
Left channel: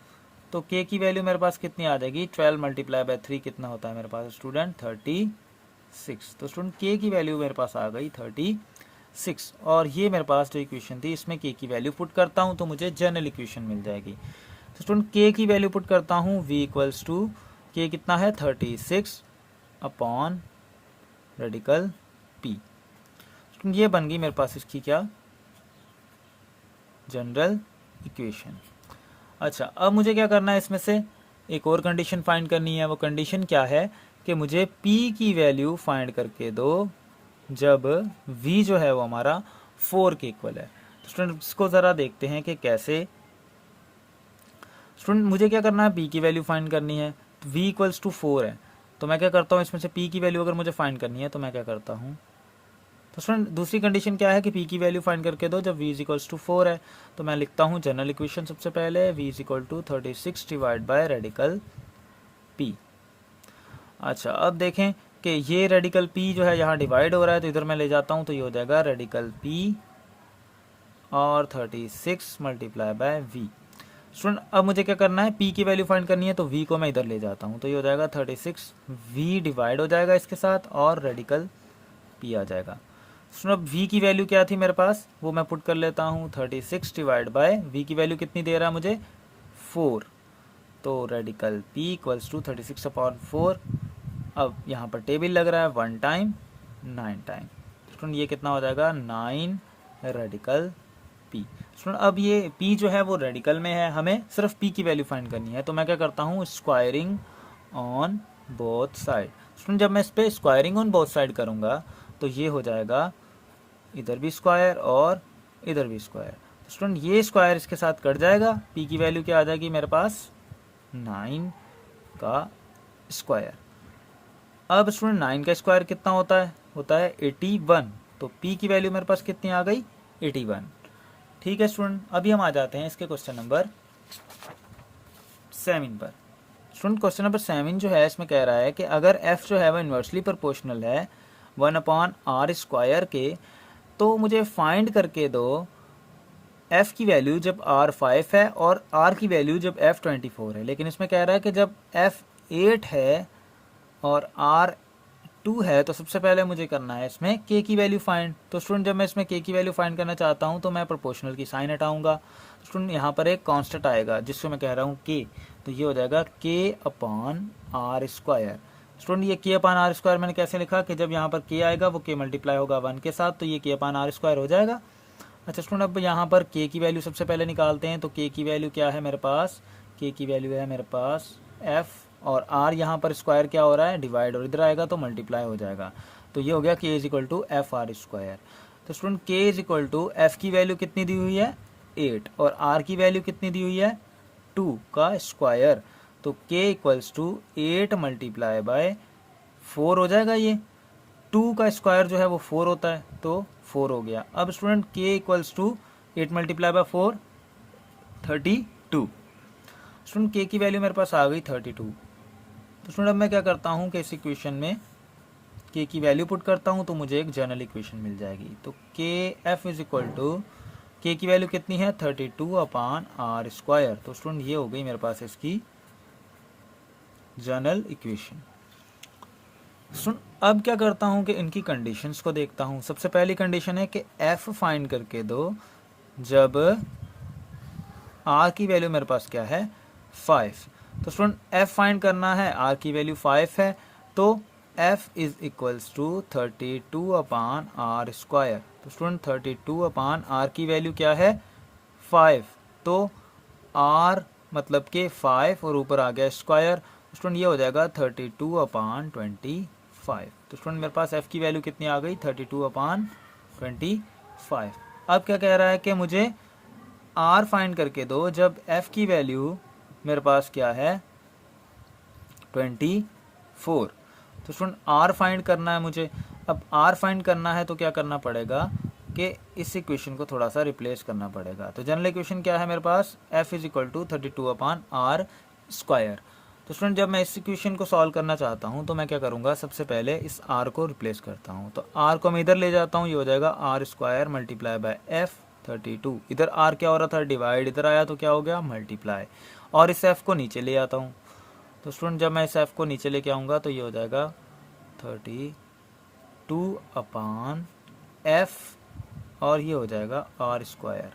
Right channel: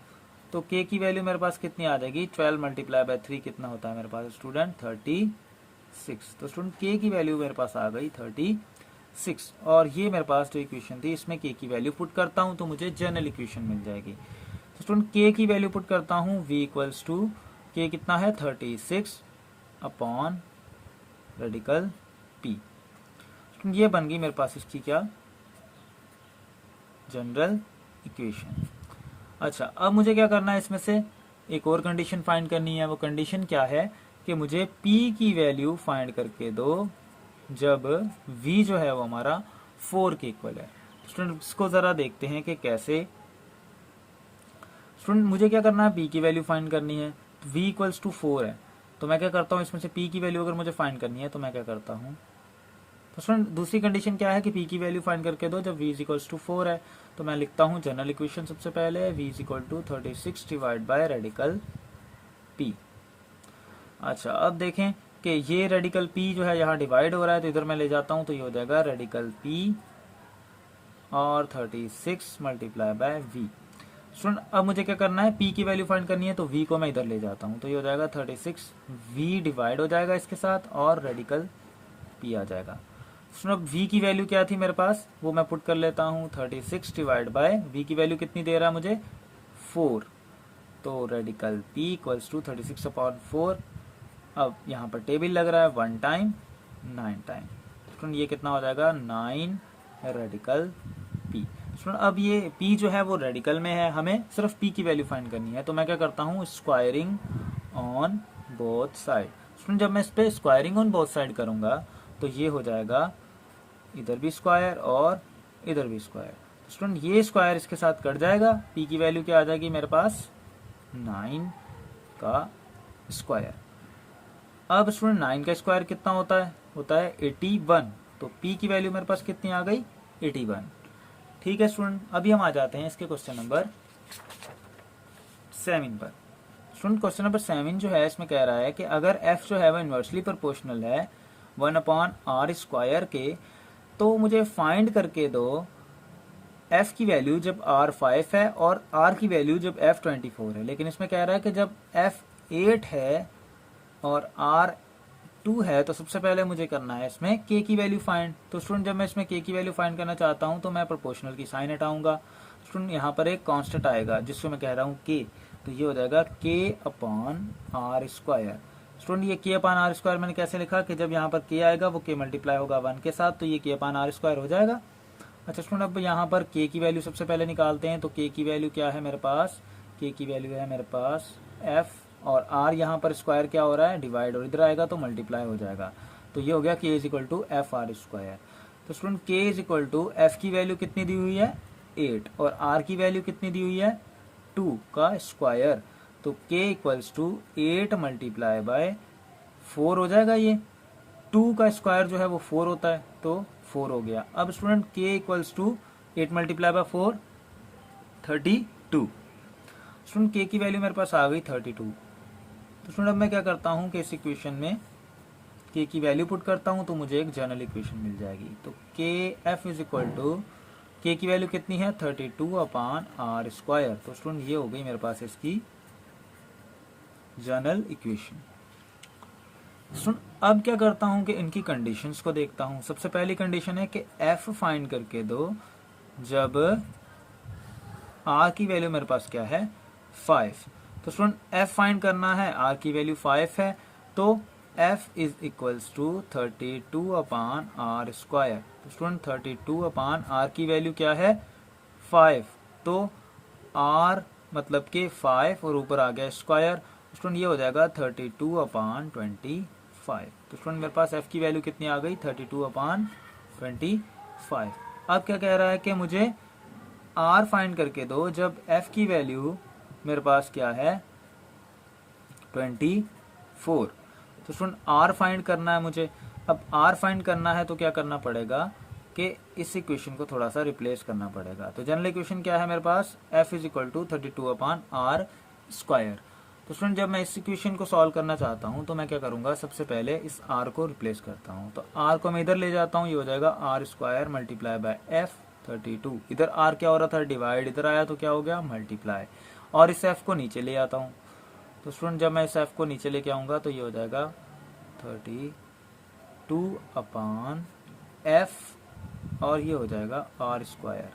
तो k की वैल्यू मेरे पास कितनी आ जाएगी 12 मल्टीप्लाई बाय 3 कितना होता है मेरे पास स्टूडेंट 36। तो स्टूडेंट k की वैल्यू मेरे पास आ गई 36 और ये मेरे पास जो इक्वेशन थी इसमें k की वैल्यू पुट करता हूँ तो मुझे जनरल इक्वेशन मिल जाएगी। तो स्टूडेंट के की वैल्यू पुट करता हूँ, v इक्वल्स टू के कितना है 36 अपॉन रेडिकल p। ये बन गई मेरे पास इसकी क्या, जनरल इक्वेशन। अच्छा, अब मुझे क्या करना है, इसमें से एक और कंडीशन फाइंड करनी है। वो कंडीशन क्या है कि मुझे p की वैल्यू फाइंड करके दो जब v जो है वो हमारा 4 के इक्वल है। स्टूडेंट इसको ज़रा देखते हैं कि कैसे। स्टूडेंट मुझे क्या करना है, p की वैल्यू फाइंड करनी है, तो v इक्वल्स टू 4 है, तो मैं क्या करता हूँ, इसमें से p की वैल्यू अगर मुझे फाइंड करनी है तो मैं क्या करता हूँ, तो स्टूडेंट दूसरी कंडीशन क्या है कि p की वैल्यू फाइंड करके दो जब v इज इक्वल्स टू 4 है। तो मैं लिखता हूँ जनरल इक्वेशन सबसे पहले, v is equal to 36 divide by radical p। अच्छा, अब देखें कि ये रेडिकल p जो है यहाँ डिवाइड हो रहा है, तो इधर मैं ले जाता हूँ, तो ये हो जाएगा रेडिकल p और 36 मल्टीप्लाई बाय v। स्टूडेंट अब मुझे क्या करना है, p की वैल्यू फाइंड करनी है, तो v को मैं इधर ले जाता हूँ, तो ये हो जाएगा 36, v डिवाइड हो जाएगा इसके साथ और रेडिकल p आ जाएगा। स्टूडेंट अब v की वैल्यू क्या थी मेरे पास, वो मैं पुट कर लेता हूँ, 36 डिवाइड बाय v की वैल्यू कितनी दे रहा है मुझे 4, तो radical p equals to 36 upon 4। अब यहाँ पर टेबल लग रहा है 1 टाइम 9 टाइम, स्टूडेंट ये कितना हो जाएगा 9 रेडिकल p। स्टूडेंट अब ये p जो है वो रेडिकल में है, हमें सिर्फ p की वैल्यू फाइंड करनी है, तो मैं क्या करता हूँ squaring on both side. Student जब मैं इस पे स्क्वायरिंग ऑन बोथ साइड करूँगा तो ये हो जाएगा इधर भी स्क्वायर और इधर भी स्क्वायर। स्टूडेंट ये स्क्वायर इसके साथ कट जाएगा, p की वैल्यू क्या आ जाएगी मेरे पास 9 का स्क्वायर। अब स्टूडेंट 9 का स्क्वायर कितना होता है 81, तो p की वैल्यू मेरे पास कितनी आ गई 81। ठीक है स्टूडेंट, अभी हम आ जाते हैं इसके क्वेश्चन नंबर 7 पर। स्टूडेंट क्वेश्चन नंबर 7 जो है इसमें कह रहा है कि अगर f जो है वो इन्वर्सली प्रोपोर्शनल है 1 अपॉन आर स्क्वायर के, तो मुझे फाइंड करके दो f की वैल्यू जब r 5 है और r की वैल्यू जब f 24 है। लेकिन इसमें कह रहा है कि जब f 8 है और r 2 है, तो सबसे पहले मुझे करना है इसमें k की वैल्यू फाइंड। तो स्टूडेंट जब मैं इसमें k की वैल्यू फाइंड करना चाहता हूं तो मैं प्रोपोर्शनल की साइन हटाऊंगा। स्टूडेंट यहाँ पर एक कांस्टेंट आएगा जिसको मैं कह रहा हूँ k, तो ये हो जाएगा k upon R square. Student ये k अपॉन आर स्क्वायर मैंने कैसे लिखा कि जब यहाँ पर k आएगा वो k मल्टीप्लाई होगा 1 के साथ, तो ये k अपॉन आर स्क्वायर हो जाएगा। अच्छा स्टूडेंट अब यहाँ पर k की वैल्यू सबसे पहले निकालते हैं, तो k की वैल्यू क्या है मेरे पास, k की वैल्यू है मेरे पास f, और r यहाँ पर स्क्वायर क्या हो रहा है डिवाइड, और इधर आएगा तो मल्टीप्लाई हो जाएगा, तो ये हो गया k is equal to F R square. तो student k is equal to F की वैल्यू कितनी दी हुई है 8 और r की वैल्यू कितनी दी हुई है 2 का स्क्वायर, तो k equals to 8 multiply by 4 हो जाएगा। ये 2 का स्क्वायर जो है वो 4 होता है, तो 4 हो गया। अब student k equals to 8 multiply by 4 32। Student k की वैल्यू मेरे पास आ गई 32। तो स्टूडेंट अब मैं क्या करता हूँ कि इस इक्वेशन में k की वैल्यू पुट करता हूँ तो मुझे एक जनरल इक्वेशन मिल जाएगी। तो k f is equal to k की वैल्यू कितनी है 32 अपॉन आर स्क्वायर। तो स्टूडेंट ये हो गई मेरे पास इसकी जनरल इक्वेशन। अब क्या करता हूं कि इनकी कंडीशंस को देखता हूं। सबसे पहली कंडीशन है कि f फाइंड करके दो जब r की वैल्यू मेरे पास क्या है 5। तो स्टूडेंट f फाइंड करना है, r की वैल्यू 5 है, तो f is equals to 32 upon R square. तो स्टूडेंट 32 अपॉन r की वैल्यू क्या है 5, तो r मतलब के 5 और ऊपर आ गया स्क्वायर, स्टूडेंट ये हो जाएगा 32 अपॉन 25। तो स्टूडेंट मेरे पास f की वैल्यू कितनी आ गई 32 अपॉन 25। अब क्या कह रहा है कि मुझे r फाइंड करके दो जब f की वैल्यू मेरे पास क्या है 24। तो स्टूडेंट r फाइंड करना है मुझे। अब r फाइंड करना है तो क्या करना पड़ेगा कि इस इक्वेशन को थोड़ा सा रिप्लेस करना पड़ेगा। तो जनरल इक्वेशन क्या है मेरे पास f is equal to 32 upon R square. तो स्टूडेंट जब मैं इस इक्वेशन को सॉल्व करना चाहता हूं तो मैं क्या करूंगा, सबसे पहले इस r को रिप्लेस करता हूं। तो r को मैं इधर ले जाता हूं, ये हो जाएगा R square multiply by f 32। इधर r क्या हो रहा था डिवाइड, इधर आया तो क्या हो गया मल्टीप्लाई, और इस f को नीचे ले आता हूं। तो स्टूडेंट जब मैं इस f को नीचे लेके आऊंगा तो ये हो जाएगा 32 अपॉन f, और ये हो जाएगा आर स्क्वायर।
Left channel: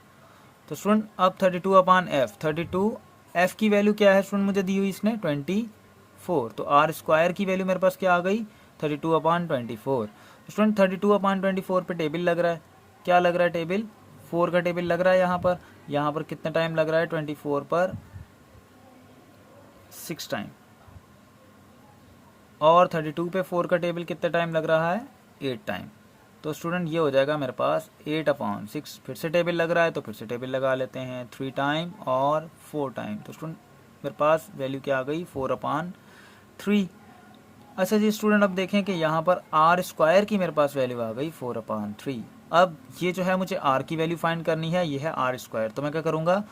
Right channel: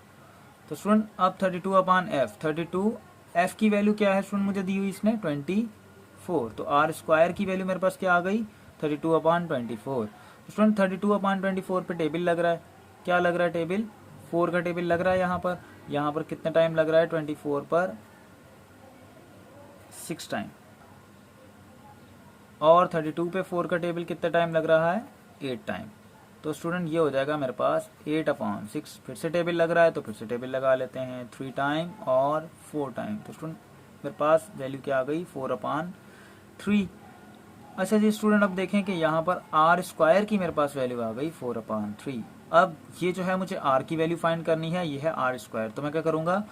तो स्टूडेंट अब 32 अपॉन f, 32 एफ की वैल्यू क्या है स्टूडेंट मुझे दी हुई इसने 24, तो आर स्क्वायर की वैल्यू मेरे पास क्या आ गई 32/24। स्टूडेंट 32/24 पे टेबल लग रहा है, क्या लग रहा है टेबल 4 का टेबल लग रहा है यहाँ पर कितना टाइम लग रहा है 24 पर 6 टाइम, और 32 पे 4 का टेबल कितना टाइम लग रहा है 8 टाइम। तो स्टूडेंट ये हो जाएगा मेरे पास 8/6, फिर से टेबल लग रहा है तो फिर से टेबल लगा लेते हैं 3 टाइम और 4 टाइम, तो स्टूडेंट मेरे पास वैल्यू क्या आ गई 4/3। अच्छा जी स्टूडेंट अब देखें कि यहाँ पर आर स्क्वायर की मेरे पास वैल्यू आ गई 4/3। अब ये जो है मुझे आर की वैल्यू फाइंड करनी है, ये है आर स्क्वायर, तो मैं क्या करूँगा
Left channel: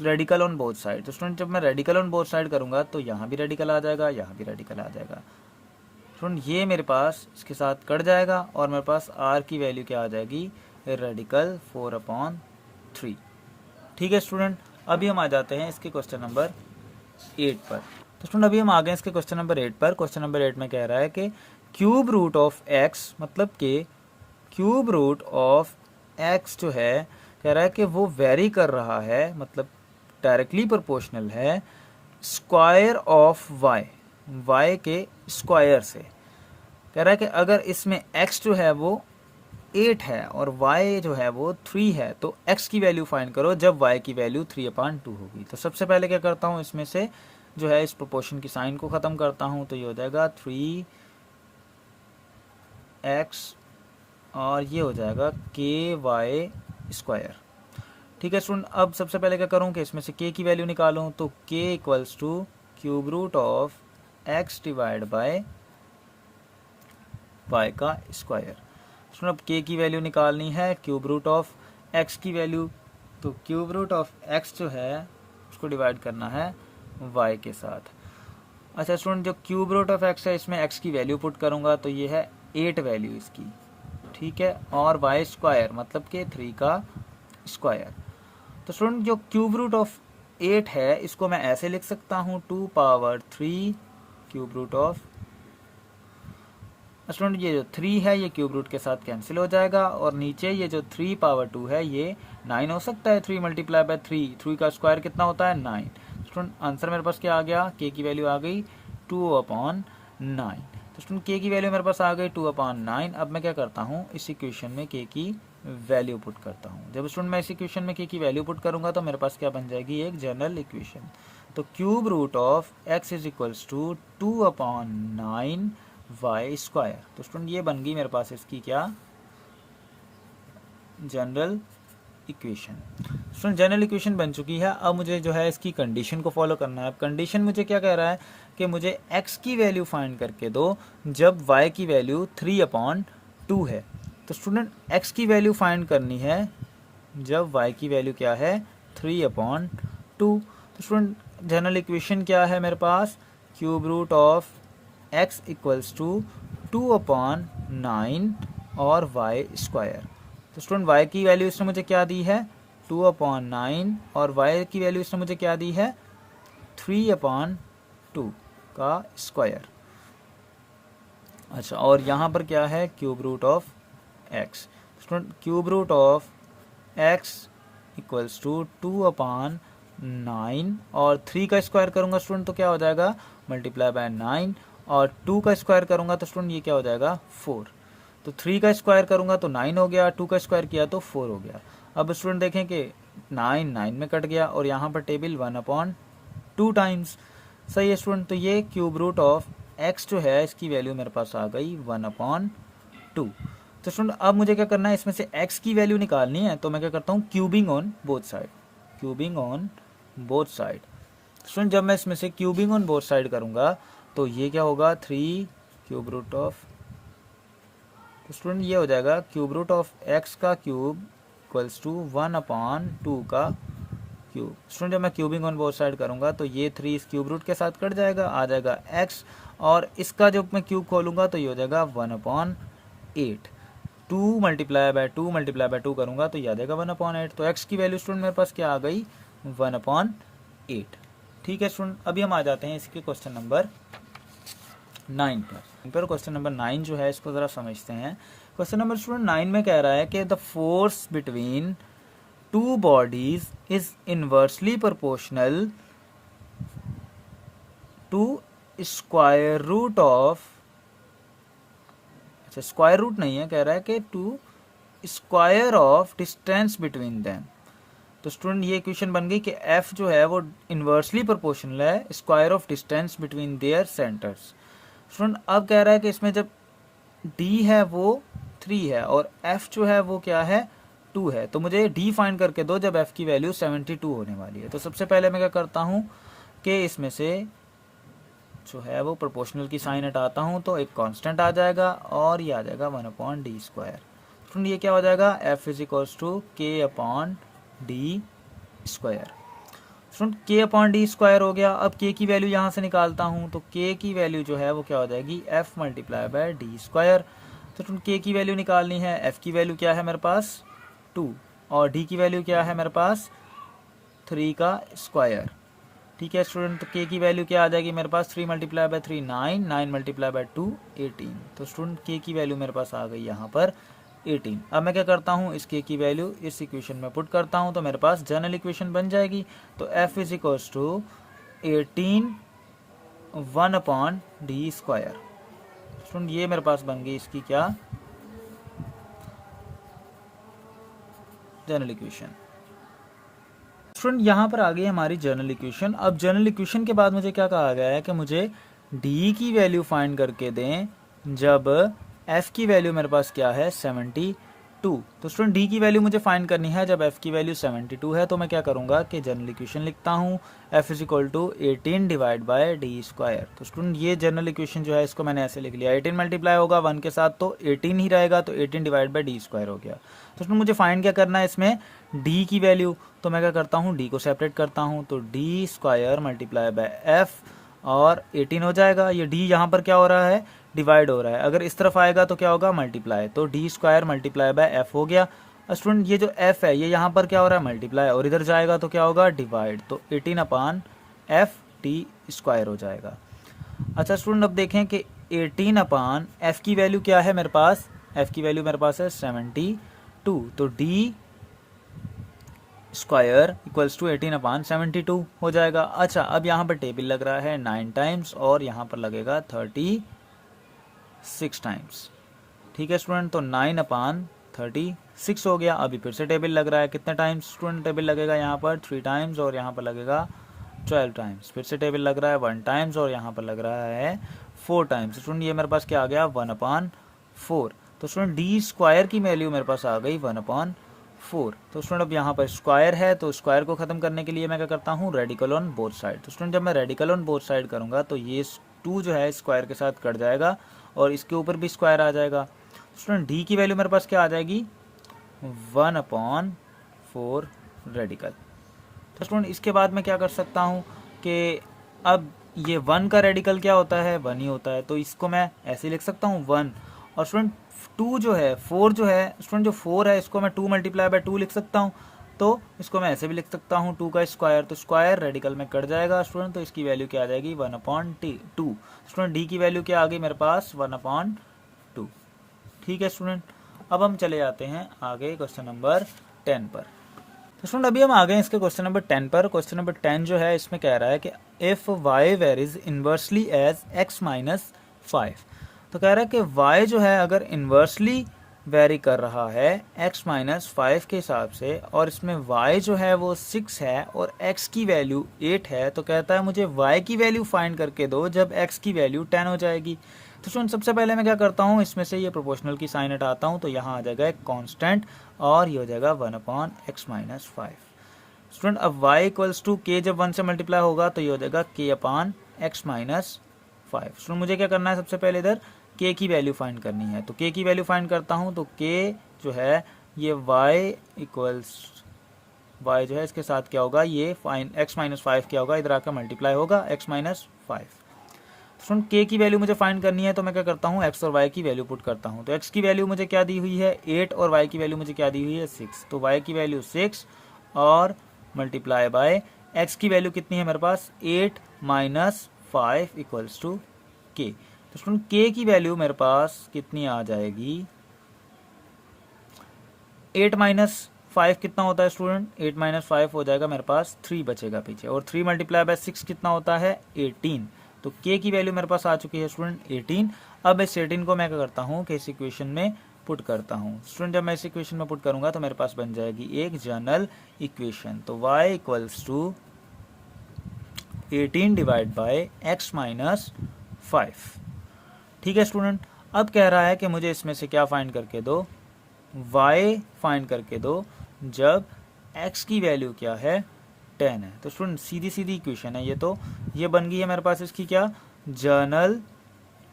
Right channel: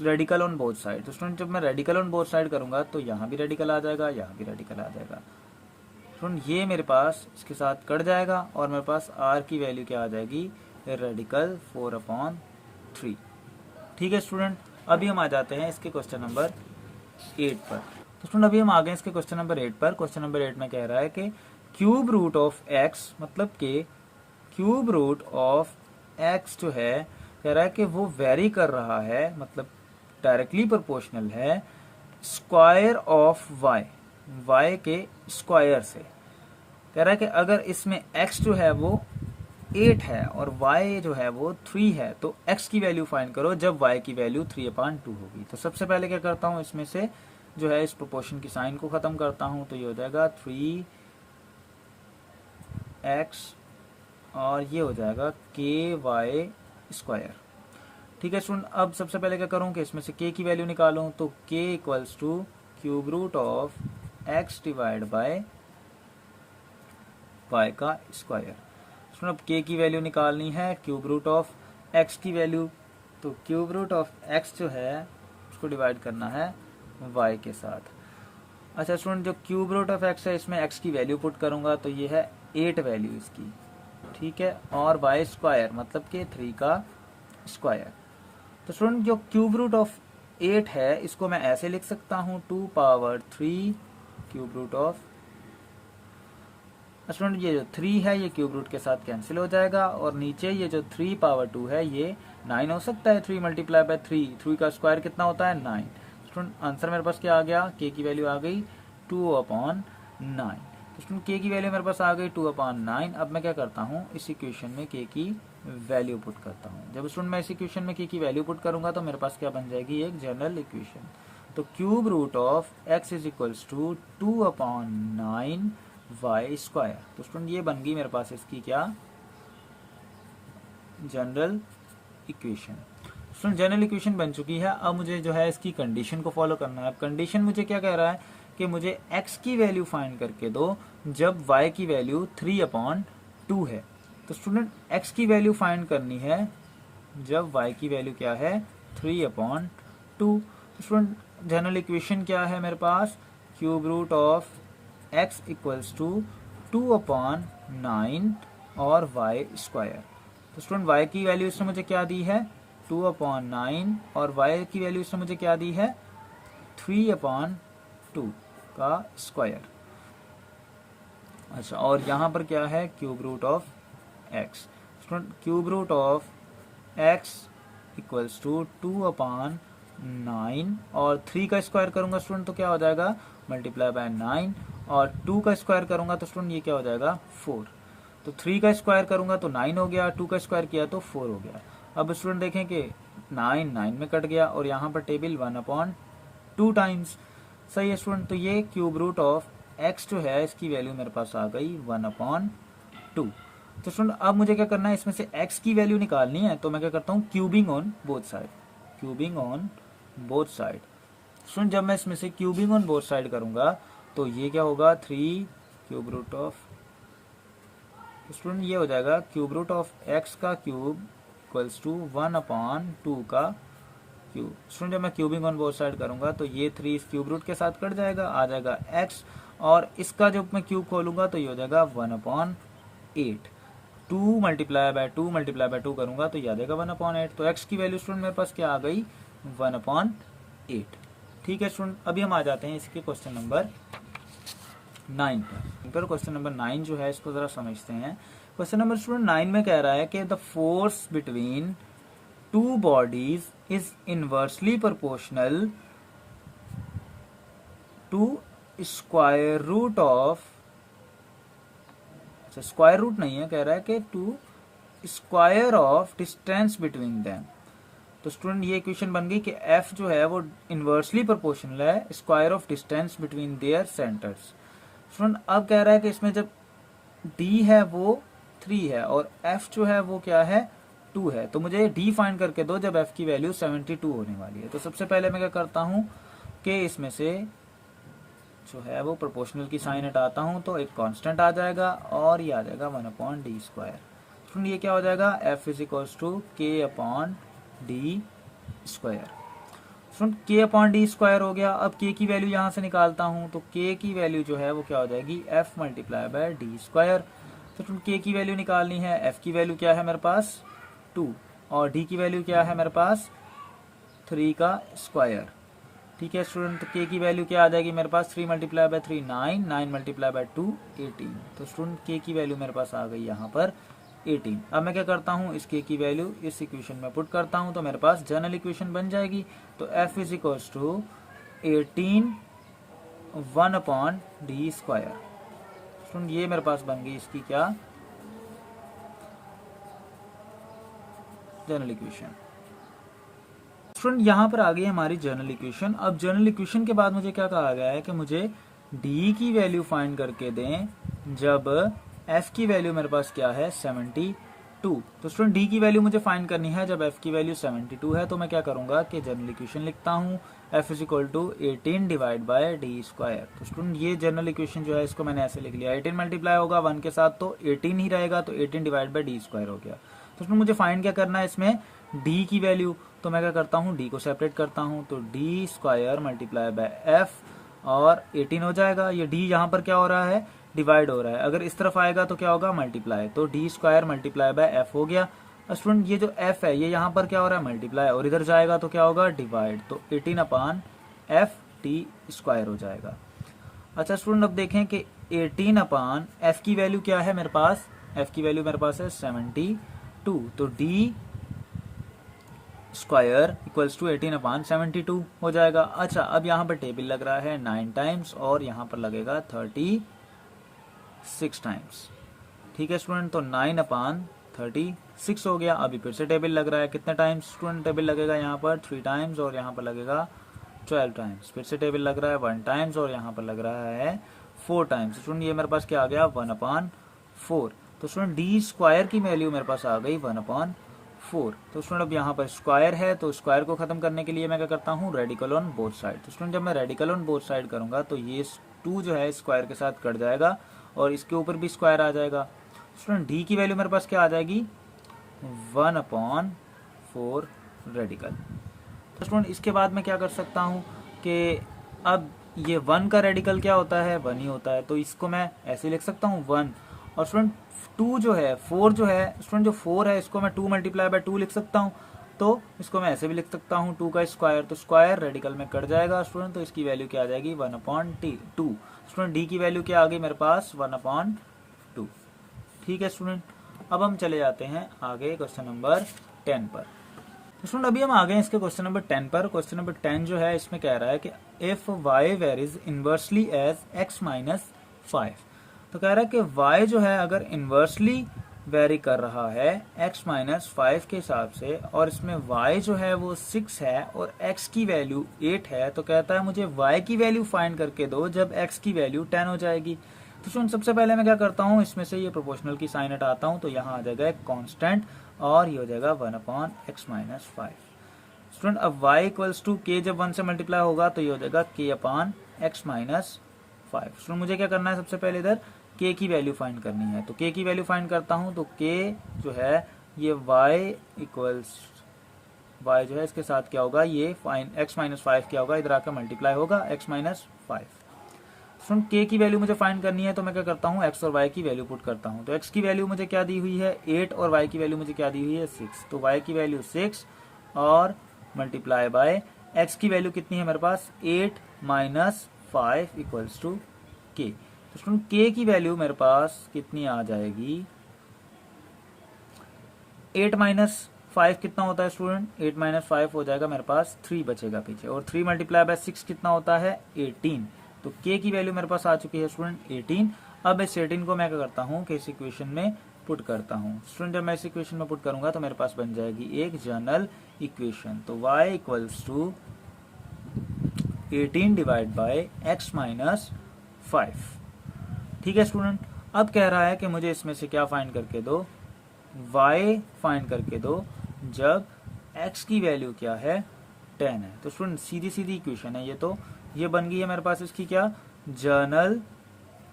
रेडिकल ऑन बोथ साइड। तो स्टूडेंट जब मैं रेडिकल ऑन बोथ साइड करूँगा तो यहाँ भी रेडिकल आ जाएगा, यहाँ भी रेडिकल आ जाएगा। स्टूडेंट ये मेरे पास इसके साथ कट जाएगा और मेरे पास आर की वैल्यू क्या आ जाएगी रेडिकल 4/3। ठीक है स्टूडेंट, अभी हम आ जाते हैं इसके क्वेश्चन नंबर 8 पर। तो स्टूडेंट अभी हम आ गए इसके क्वेश्चन नंबर 8 पर। क्वेश्चन नंबर 8 में कह रहा है कि क्यूब रूट ऑफ एक्स, मतलब कि क्यूब रूट ऑफ एक्स जो है कह रहा है कि वो वेरी कर रहा है, मतलब डायरेक्टली प्रोपोर्शनल है स्क्वायर ऑफ वाई, वाई के स्क्वायर से। कह रहा है कि अगर इसमें x जो है वो 8 है और y जो है वो 3 है, तो x की वैल्यू फाइंड करो जब y की वैल्यू 3/2 होगी। तो सबसे पहले क्या करता हूँ, इसमें से जो है इस प्रोपोर्शन की साइन को खत्म करता हूँ, तो ये हो जाएगा 3x और ये हो जाएगा ky स्क्वायर। ठीक है स्टूडेंट, अब सबसे पहले क्या करूँ कि इसमें से k की वैल्यू निकालूँ, तो k equals to cube root of x divide by y का स्क्वायर। स्टूडेंट अब k की वैल्यू निकालनी है क्यूब रूट ऑफ x की वैल्यू, तो क्यूब रूट ऑफ x जो है उसको डिवाइड करना है y के साथ। अच्छा स्टूडेंट जो क्यूब रूट ऑफ x है इसमें x की वैल्यू पुट करूंगा तो ये है 8 वैल्यू इसकी, ठीक है, और y स्क्वायर मतलब कि 3 का स्क्वायर। तो स्टूडेंट जो क्यूब रूट ऑफ 8 है इसको मैं ऐसे लिख सकता हूँ 2/3 क्यूब रूट ऑफ। स्टूडेंट ये जो 3 है ये क्यूब रूट के साथ कैंसिल हो जाएगा और नीचे ये जो 3/2 है ये 9 हो सकता है, 3 मल्टीप्लाई बाय 3 का स्क्वायर कितना होता है 9। स्टूडेंट आंसर मेरे पास क्या आ गया, k की वैल्यू आ गई 2/9। तो स्टूडेंट k की वैल्यू मेरे पास आ गई 2/9। अब मैं क्या करता हूँ इस इक्वेशन में k की वैल्यू पुट करता हूँ। जब स्टूडेंट मैं इस इक्वेशन में k की वैल्यू पुट करूंगा तो मेरे पास क्या बन जाएगी एक जनरल इक्वेशन। तो cube root of x is equals to 2/9 y square. तो स्टूडेंट ये बन गई मेरे पास इसकी क्या general equation. Student general equation बन चुकी है। अब मुझे जो है इसकी कंडीशन को फॉलो करना है। अब कंडीशन मुझे क्या कह रहा है कि मुझे x की वैल्यू फाइंड करके दो जब y की वैल्यू 3/2 है। तो स्टूडेंट x की वैल्यू फाइंड करनी है जब y की वैल्यू क्या है 3/2। तो स्टूडेंट जनरल इक्वेशन क्या है मेरे पास, cube root of x equals to 2/9 और y स्क्वायर। तो स्टूडेंट y की वैल्यू इसने मुझे क्या दी है 2/9 और y की वैल्यू इसने मुझे क्या दी है 3/2 का स्क्वायर। अच्छा और यहाँ पर क्या है cube root of x। Student cube root of x equals to 2/9 और 3 का स्क्वायर करूंगा स्टूडेंट तो क्या हो जाएगा मल्टीप्लाई बाय 9 और 2 का स्क्वायर करूंगा तो स्टूडेंट ये क्या हो जाएगा 4। तो 3 का स्क्वायर करूंगा तो 9 हो गया, 2 का स्क्वायर किया तो 4 हो गया। अब स्टूडेंट देखें कि 9 में कट गया और यहाँ पर टेबल 1/2 टाइम्स। सही है स्टूडेंट, तो ये क्यूब रूट ऑफ x जो है इसकी वैल्यू मेरे पास आ गई 1/2। तो स्टूडेंट अब मुझे क्या करना है इसमें से x की वैल्यू निकालनी है, तो मैं क्या करता हूँ cubing on both side, cubing on both side. Student जब मैं इसमें से क्यूबिंग ऑन बोथ साइड करूंगा तो ये क्या होगा 3 क्यूब रूट ऑफ, स्टूडेंट ये हो जाएगा क्यूब रूट ऑफ x का क्यूब इक्वल्स टू 1/2 का क्यूब। स्टूडेंट जब मैं क्यूबिंग ऑन बोथ साइड करूंगा तो ये 3 इस क्यूब रूट के साथ कट जाएगा, आ जाएगा x और इसका जब मैं क्यूब खोलूंगा तो ये हो जाएगा 1/8। 2 मल्टीप्लाई बाय 2 करूंगा तो ये आ जाएगा 1/8। तो x की वैल्यू स्टूडेंट मेरे पास क्या आ गई 1/8। ठीक है स्टूडेंट, अभी हम आ जाते हैं इसके क्वेश्चन नंबर 9 पर। क्वेश्चन नंबर 9 जो है इसको जरा समझते हैं। क्वेश्चन नंबर स्टूडेंट 9 में कह रहा है कि the force between two bodies is inversely proportional to square root of, अच्छा स्क्वायर रूट नहीं है, कह रहा है कि to square of distance between them. तो स्टूडेंट ये इक्वेशन बन गई कि f जो है वो इनवर्सली प्रोपोर्शनल है square of distance between their centres. Student अब कह रहा है कि इसमें जब d है वो 3 है और f जो है वो क्या है 2 है, तो मुझे d फाइंड करके दो जब f की वैल्यू 72 होने वाली है। तो सबसे पहले मैं क्या करता हूँ कि इसमें से जो है वो प्रोपोर्शनल की साइन हटाता हूँ, तो एक कांस्टेंट आ जाएगा और ये आ जाएगा 1/d²। ये क्या हो जाएगा, f is equals to k/d²। k/d² हो गया। अब k की वैल्यू यहाँ से निकालता हूँ, तो k की वैल्यू जो है वो क्या हो जाएगी, f मल्टीप्लाई बाय d²। तो k की वैल्यू निकालनी है, f की वैल्यू क्या है मेरे पास 2 और d की वैल्यू क्या है मेरे पास 3 का स्क्वायर। ठीक है स्टूडेंट, तो k की वैल्यू क्या आ जाएगी मेरे पास 3 मल्टीप्लाई बाय 3 9, 9 मल्टीप्लाई बाय 2 18। तो स्टूडेंट k की वैल्यू मेरे पास आ गई यहाँ पर 18। अब मैं क्या करता हूँ, इस k की वैल्यू इस इक्वेशन में पुट करता हूँ, तो मेरे पास जनरल इक्वेशन बन जाएगी। तो f is equals to 18 1/d²। Student ये मेरे पास बन गई इसकी क्या, जनरल इक्वेशन। स्टूडेंट यहाँ पर आ गई हमारी जनरल इक्वेशन। अब जनरल इक्वेशन के बाद मुझे क्या कहा गया है कि मुझे d की वैल्यू फाइंड करके दें जब f की वैल्यू मेरे पास क्या है 72। तो स्टूडेंट d की वैल्यू मुझे फाइंड करनी है जब f की वैल्यू 72 है। तो मैं क्या करूंगा कि जनरल इक्वेशन लिखता हूँ f is equal to 18 divide by d²। तो स्टूडेंट ये जनरल इक्वेशन जो है इसको मैंने ऐसे लिख लिया, 18 मल्टीप्लाई होगा 1 के साथ तो 18 ही रहेगा, तो 18 डिवाइड बाय d² हो गया। तो स्टूडेंट मुझे फाइंड क्या करना है इसमें d की वैल्यू, तो मैं क्या करता हूँ d को सेपरेट करता हूँ, तो d² मल्टीप्लाई बाय f और 18 हो जाएगा। ये d यहाँ पर क्या हो रहा है, डिवाइड हो रहा है, अगर इस तरफ आएगा तो क्या होगा मल्टीप्लाई, तो d² मल्टीप्लाई बाय f हो गया। स्टूडेंट ये जो f है ये यहाँ पर क्या हो रहा है मल्टीप्लाई, और इधर जाएगा तो क्या होगा डिवाइड, तो 18/f हो जाएगा। अच्छा स्टूडेंट अब देखें कि 18/f की वैल्यू क्या है मेरे पास, f की वैल्यू मेरे पास है 72, तो d² इक्वल्स टू 18/72 हो जाएगा। अच्छा अब यहाँ पर टेबल लग रहा है 9 टाइम्स और यहाँ पर लगेगा 36 टाइम्स। ठीक है स्टूडेंट, तो 9/36 हो गया। अभी फिर से टेबल लग रहा है, कितने टाइम्स स्टूडेंट टेबल लगेगा यहाँ पर 3 टाइम्स और यहाँ पर लगेगा 12 टाइम्स। फिर से टेबल लग रहा है 1 टाइम्स और यहाँ पर लग रहा है 4 टाइम्स। स्टूडेंट ये मेरे पास क्या आ गया 1/4। तो स्टूडेंट d² की वैल्यू मेरे पास आ गई 1/4। तो स्टूडेंट अब यहाँ पर स्क्वायर है, तो स्क्वायर को खत्म करने के लिए मैं क्या करता हूँ रेडिकल ऑन बोथ साइड। तो स्टूडेंट जब मैं रेडिकल ऑन बोथ साइड करूंगा तो ये 2 जो है स्क्वायर के साथ कट जाएगा और इसके ऊपर भी स्क्वायर आ जाएगा। स्टूडेंट d की वैल्यू मेरे पास क्या आ जाएगी 1/4 रेडिकल। तो स्टूडेंट इसके बाद मैं क्या कर सकता हूँ कि अब ये 1 का रेडिकल क्या होता है 1 ही होता है, तो इसको मैं ऐसे लिख सकता हूँ 1। और स्टूडेंट 2 जो है 4 जो है स्टूडेंट जो 4 है इसको मैं 2 मल्टीप्लाई बाय 2 लिख सकता हूँ, तो इसको मैं ऐसे भी लिख सकता हूँ 2 का स्क्वायर, तो स्क्वायर रेडिकल में कट जाएगा स्टूडेंट, तो इसकी वैल्यू क्या आ जाएगी 1/2। स्टूडेंट डी की वैल्यू क्या आ गई मेरे पास 1/2। ठीक है स्टूडेंट, अब हम चले जाते हैं आगे क्वेश्चन नंबर 10 पर। तो स्टूडेंट अभी हम आ गए इसके क्वेश्चन नंबर 10 पर। क्वेश्चन नंबर 10 जो है इसमें कह रहा है कि if y varies inversely as x - 5। तो कह रहा है कि y जो है अगर इनवर्सली वेरी कर रहा है x - 5 के हिसाब से और इसमें y जो है वो 6 है और x की वैल्यू 8 है, तो कहता है मुझे y की वैल्यू फाइंड करके दो जब x की वैल्यू 10 हो जाएगी। तो स्टूडेंट सबसे पहले मैं क्या करता हूँ इसमें से ये प्रोपोर्शनल की साइन हटाता हूँ, तो यहाँ आ जाएगा एक कांस्टेंट और ये हो जाएगा 1/x - 5। स्टूडेंट अब y इक्वल्स टू k जब 1 से मल्टीप्लाई होगा तो ये हो जाएगा k/x - 5। स्टूडेंट मुझे क्या करना है सबसे पहले इधर k की वैल्यू फाइंड करनी है, तो k की वैल्यू फाइंड करता हूँ, तो k जो है ये y जो है इसके साथ क्या होगा ये x - 5 क्या होगा इधर आकर मल्टीप्लाई होगा x - 5। स्टूडेंट k की वैल्यू मुझे फाइंड करनी है, तो मैं क्या करता हूँ x और y की वैल्यू पुट करता हूँ। तो x की वैल्यू मुझे क्या दी हुई है 8 और y की वैल्यू मुझे क्या दी हुई है 6, तो y की वैल्यू 6 और मल्टीप्लाई बाय x की वैल्यू कितनी है मेरे पास 8 - 5 इक्वल्स टू k। तो स्टूडेंट k की वैल्यू मेरे पास कितनी आ जाएगी 8 - 5 कितना होता है स्टूडेंट 8 - 5 हो जाएगा मेरे पास 3 बचेगा पीछे, और 3 मल्टीप्लाई बाय 6 कितना होता है 18, तो k की वैल्यू मेरे पास आ चुकी है स्टूडेंट 18। अब इस 18 को मैं क्या करता हूँ कि इस इक्वेशन में पुट करता हूँ। स्टूडेंट जब मैं इस इक्वेशन में पुट करूंगा तो मेरे पास बन जाएगी एक जनरल इक्वेशन। तो y equals to 18 divide by x minus 5। ठीक है स्टूडेंट, अब कह रहा है कि मुझे इसमें से क्या फाइंड करके दो, y फाइंड करके दो जब x की वैल्यू क्या है 10 है। तो स्टूडेंट सीधी सीधी इक्वेशन है ये, तो ये बन गई है मेरे पास इसकी क्या जनरल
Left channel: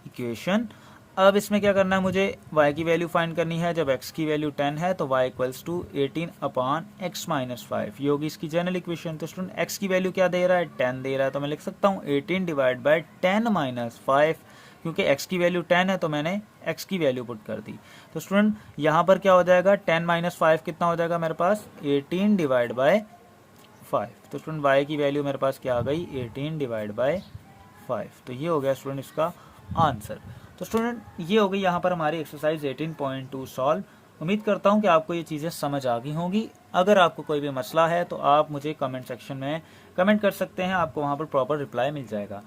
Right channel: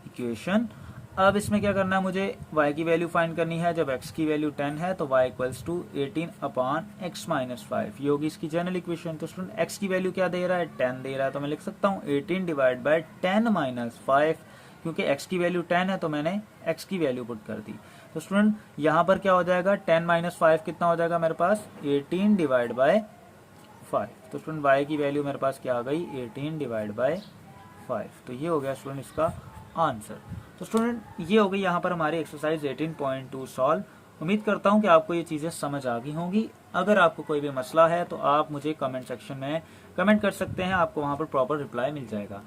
इक्वेशन। अब इसमें क्या करना है, मुझे y की वैल्यू फाइंड करनी है जब x की वैल्यू 10 है, तो y equals to 18 upon x minus 5, ये होगी इसकी जनरल इक्वेशन। तो स्टूडेंट x की वैल्यू क्या दे रहा है 10 दे रहा है, तो मैं लिख सकता हूँ 18 डिवाइड बाय 10 माइनस 5, क्योंकि x की वैल्यू 10 है तो मैंने x की वैल्यू पुट कर दी। तो स्टूडेंट यहाँ पर क्या हो जाएगा 10 माइनस 5 कितना हो जाएगा मेरे पास 18 डिवाइड बाय 5। तो स्टूडेंट y की वैल्यू मेरे पास क्या आ गई 18 डिवाइड बाय 5। तो ये हो गया स्टूडेंट इसका आंसर। तो स्टूडेंट ये हो गई यहाँ पर हमारी एक्सरसाइज 18.2 सॉल्व। उम्मीद करता हूँ कि आपको ये चीज़ें समझ आ गई होंगी। अगर आपको कोई भी मसला है तो आप मुझे कमेंट सेक्शन में कमेंट कर सकते हैं, आपको वहाँ पर प्रॉपर रिप्लाई मिल जाएगा।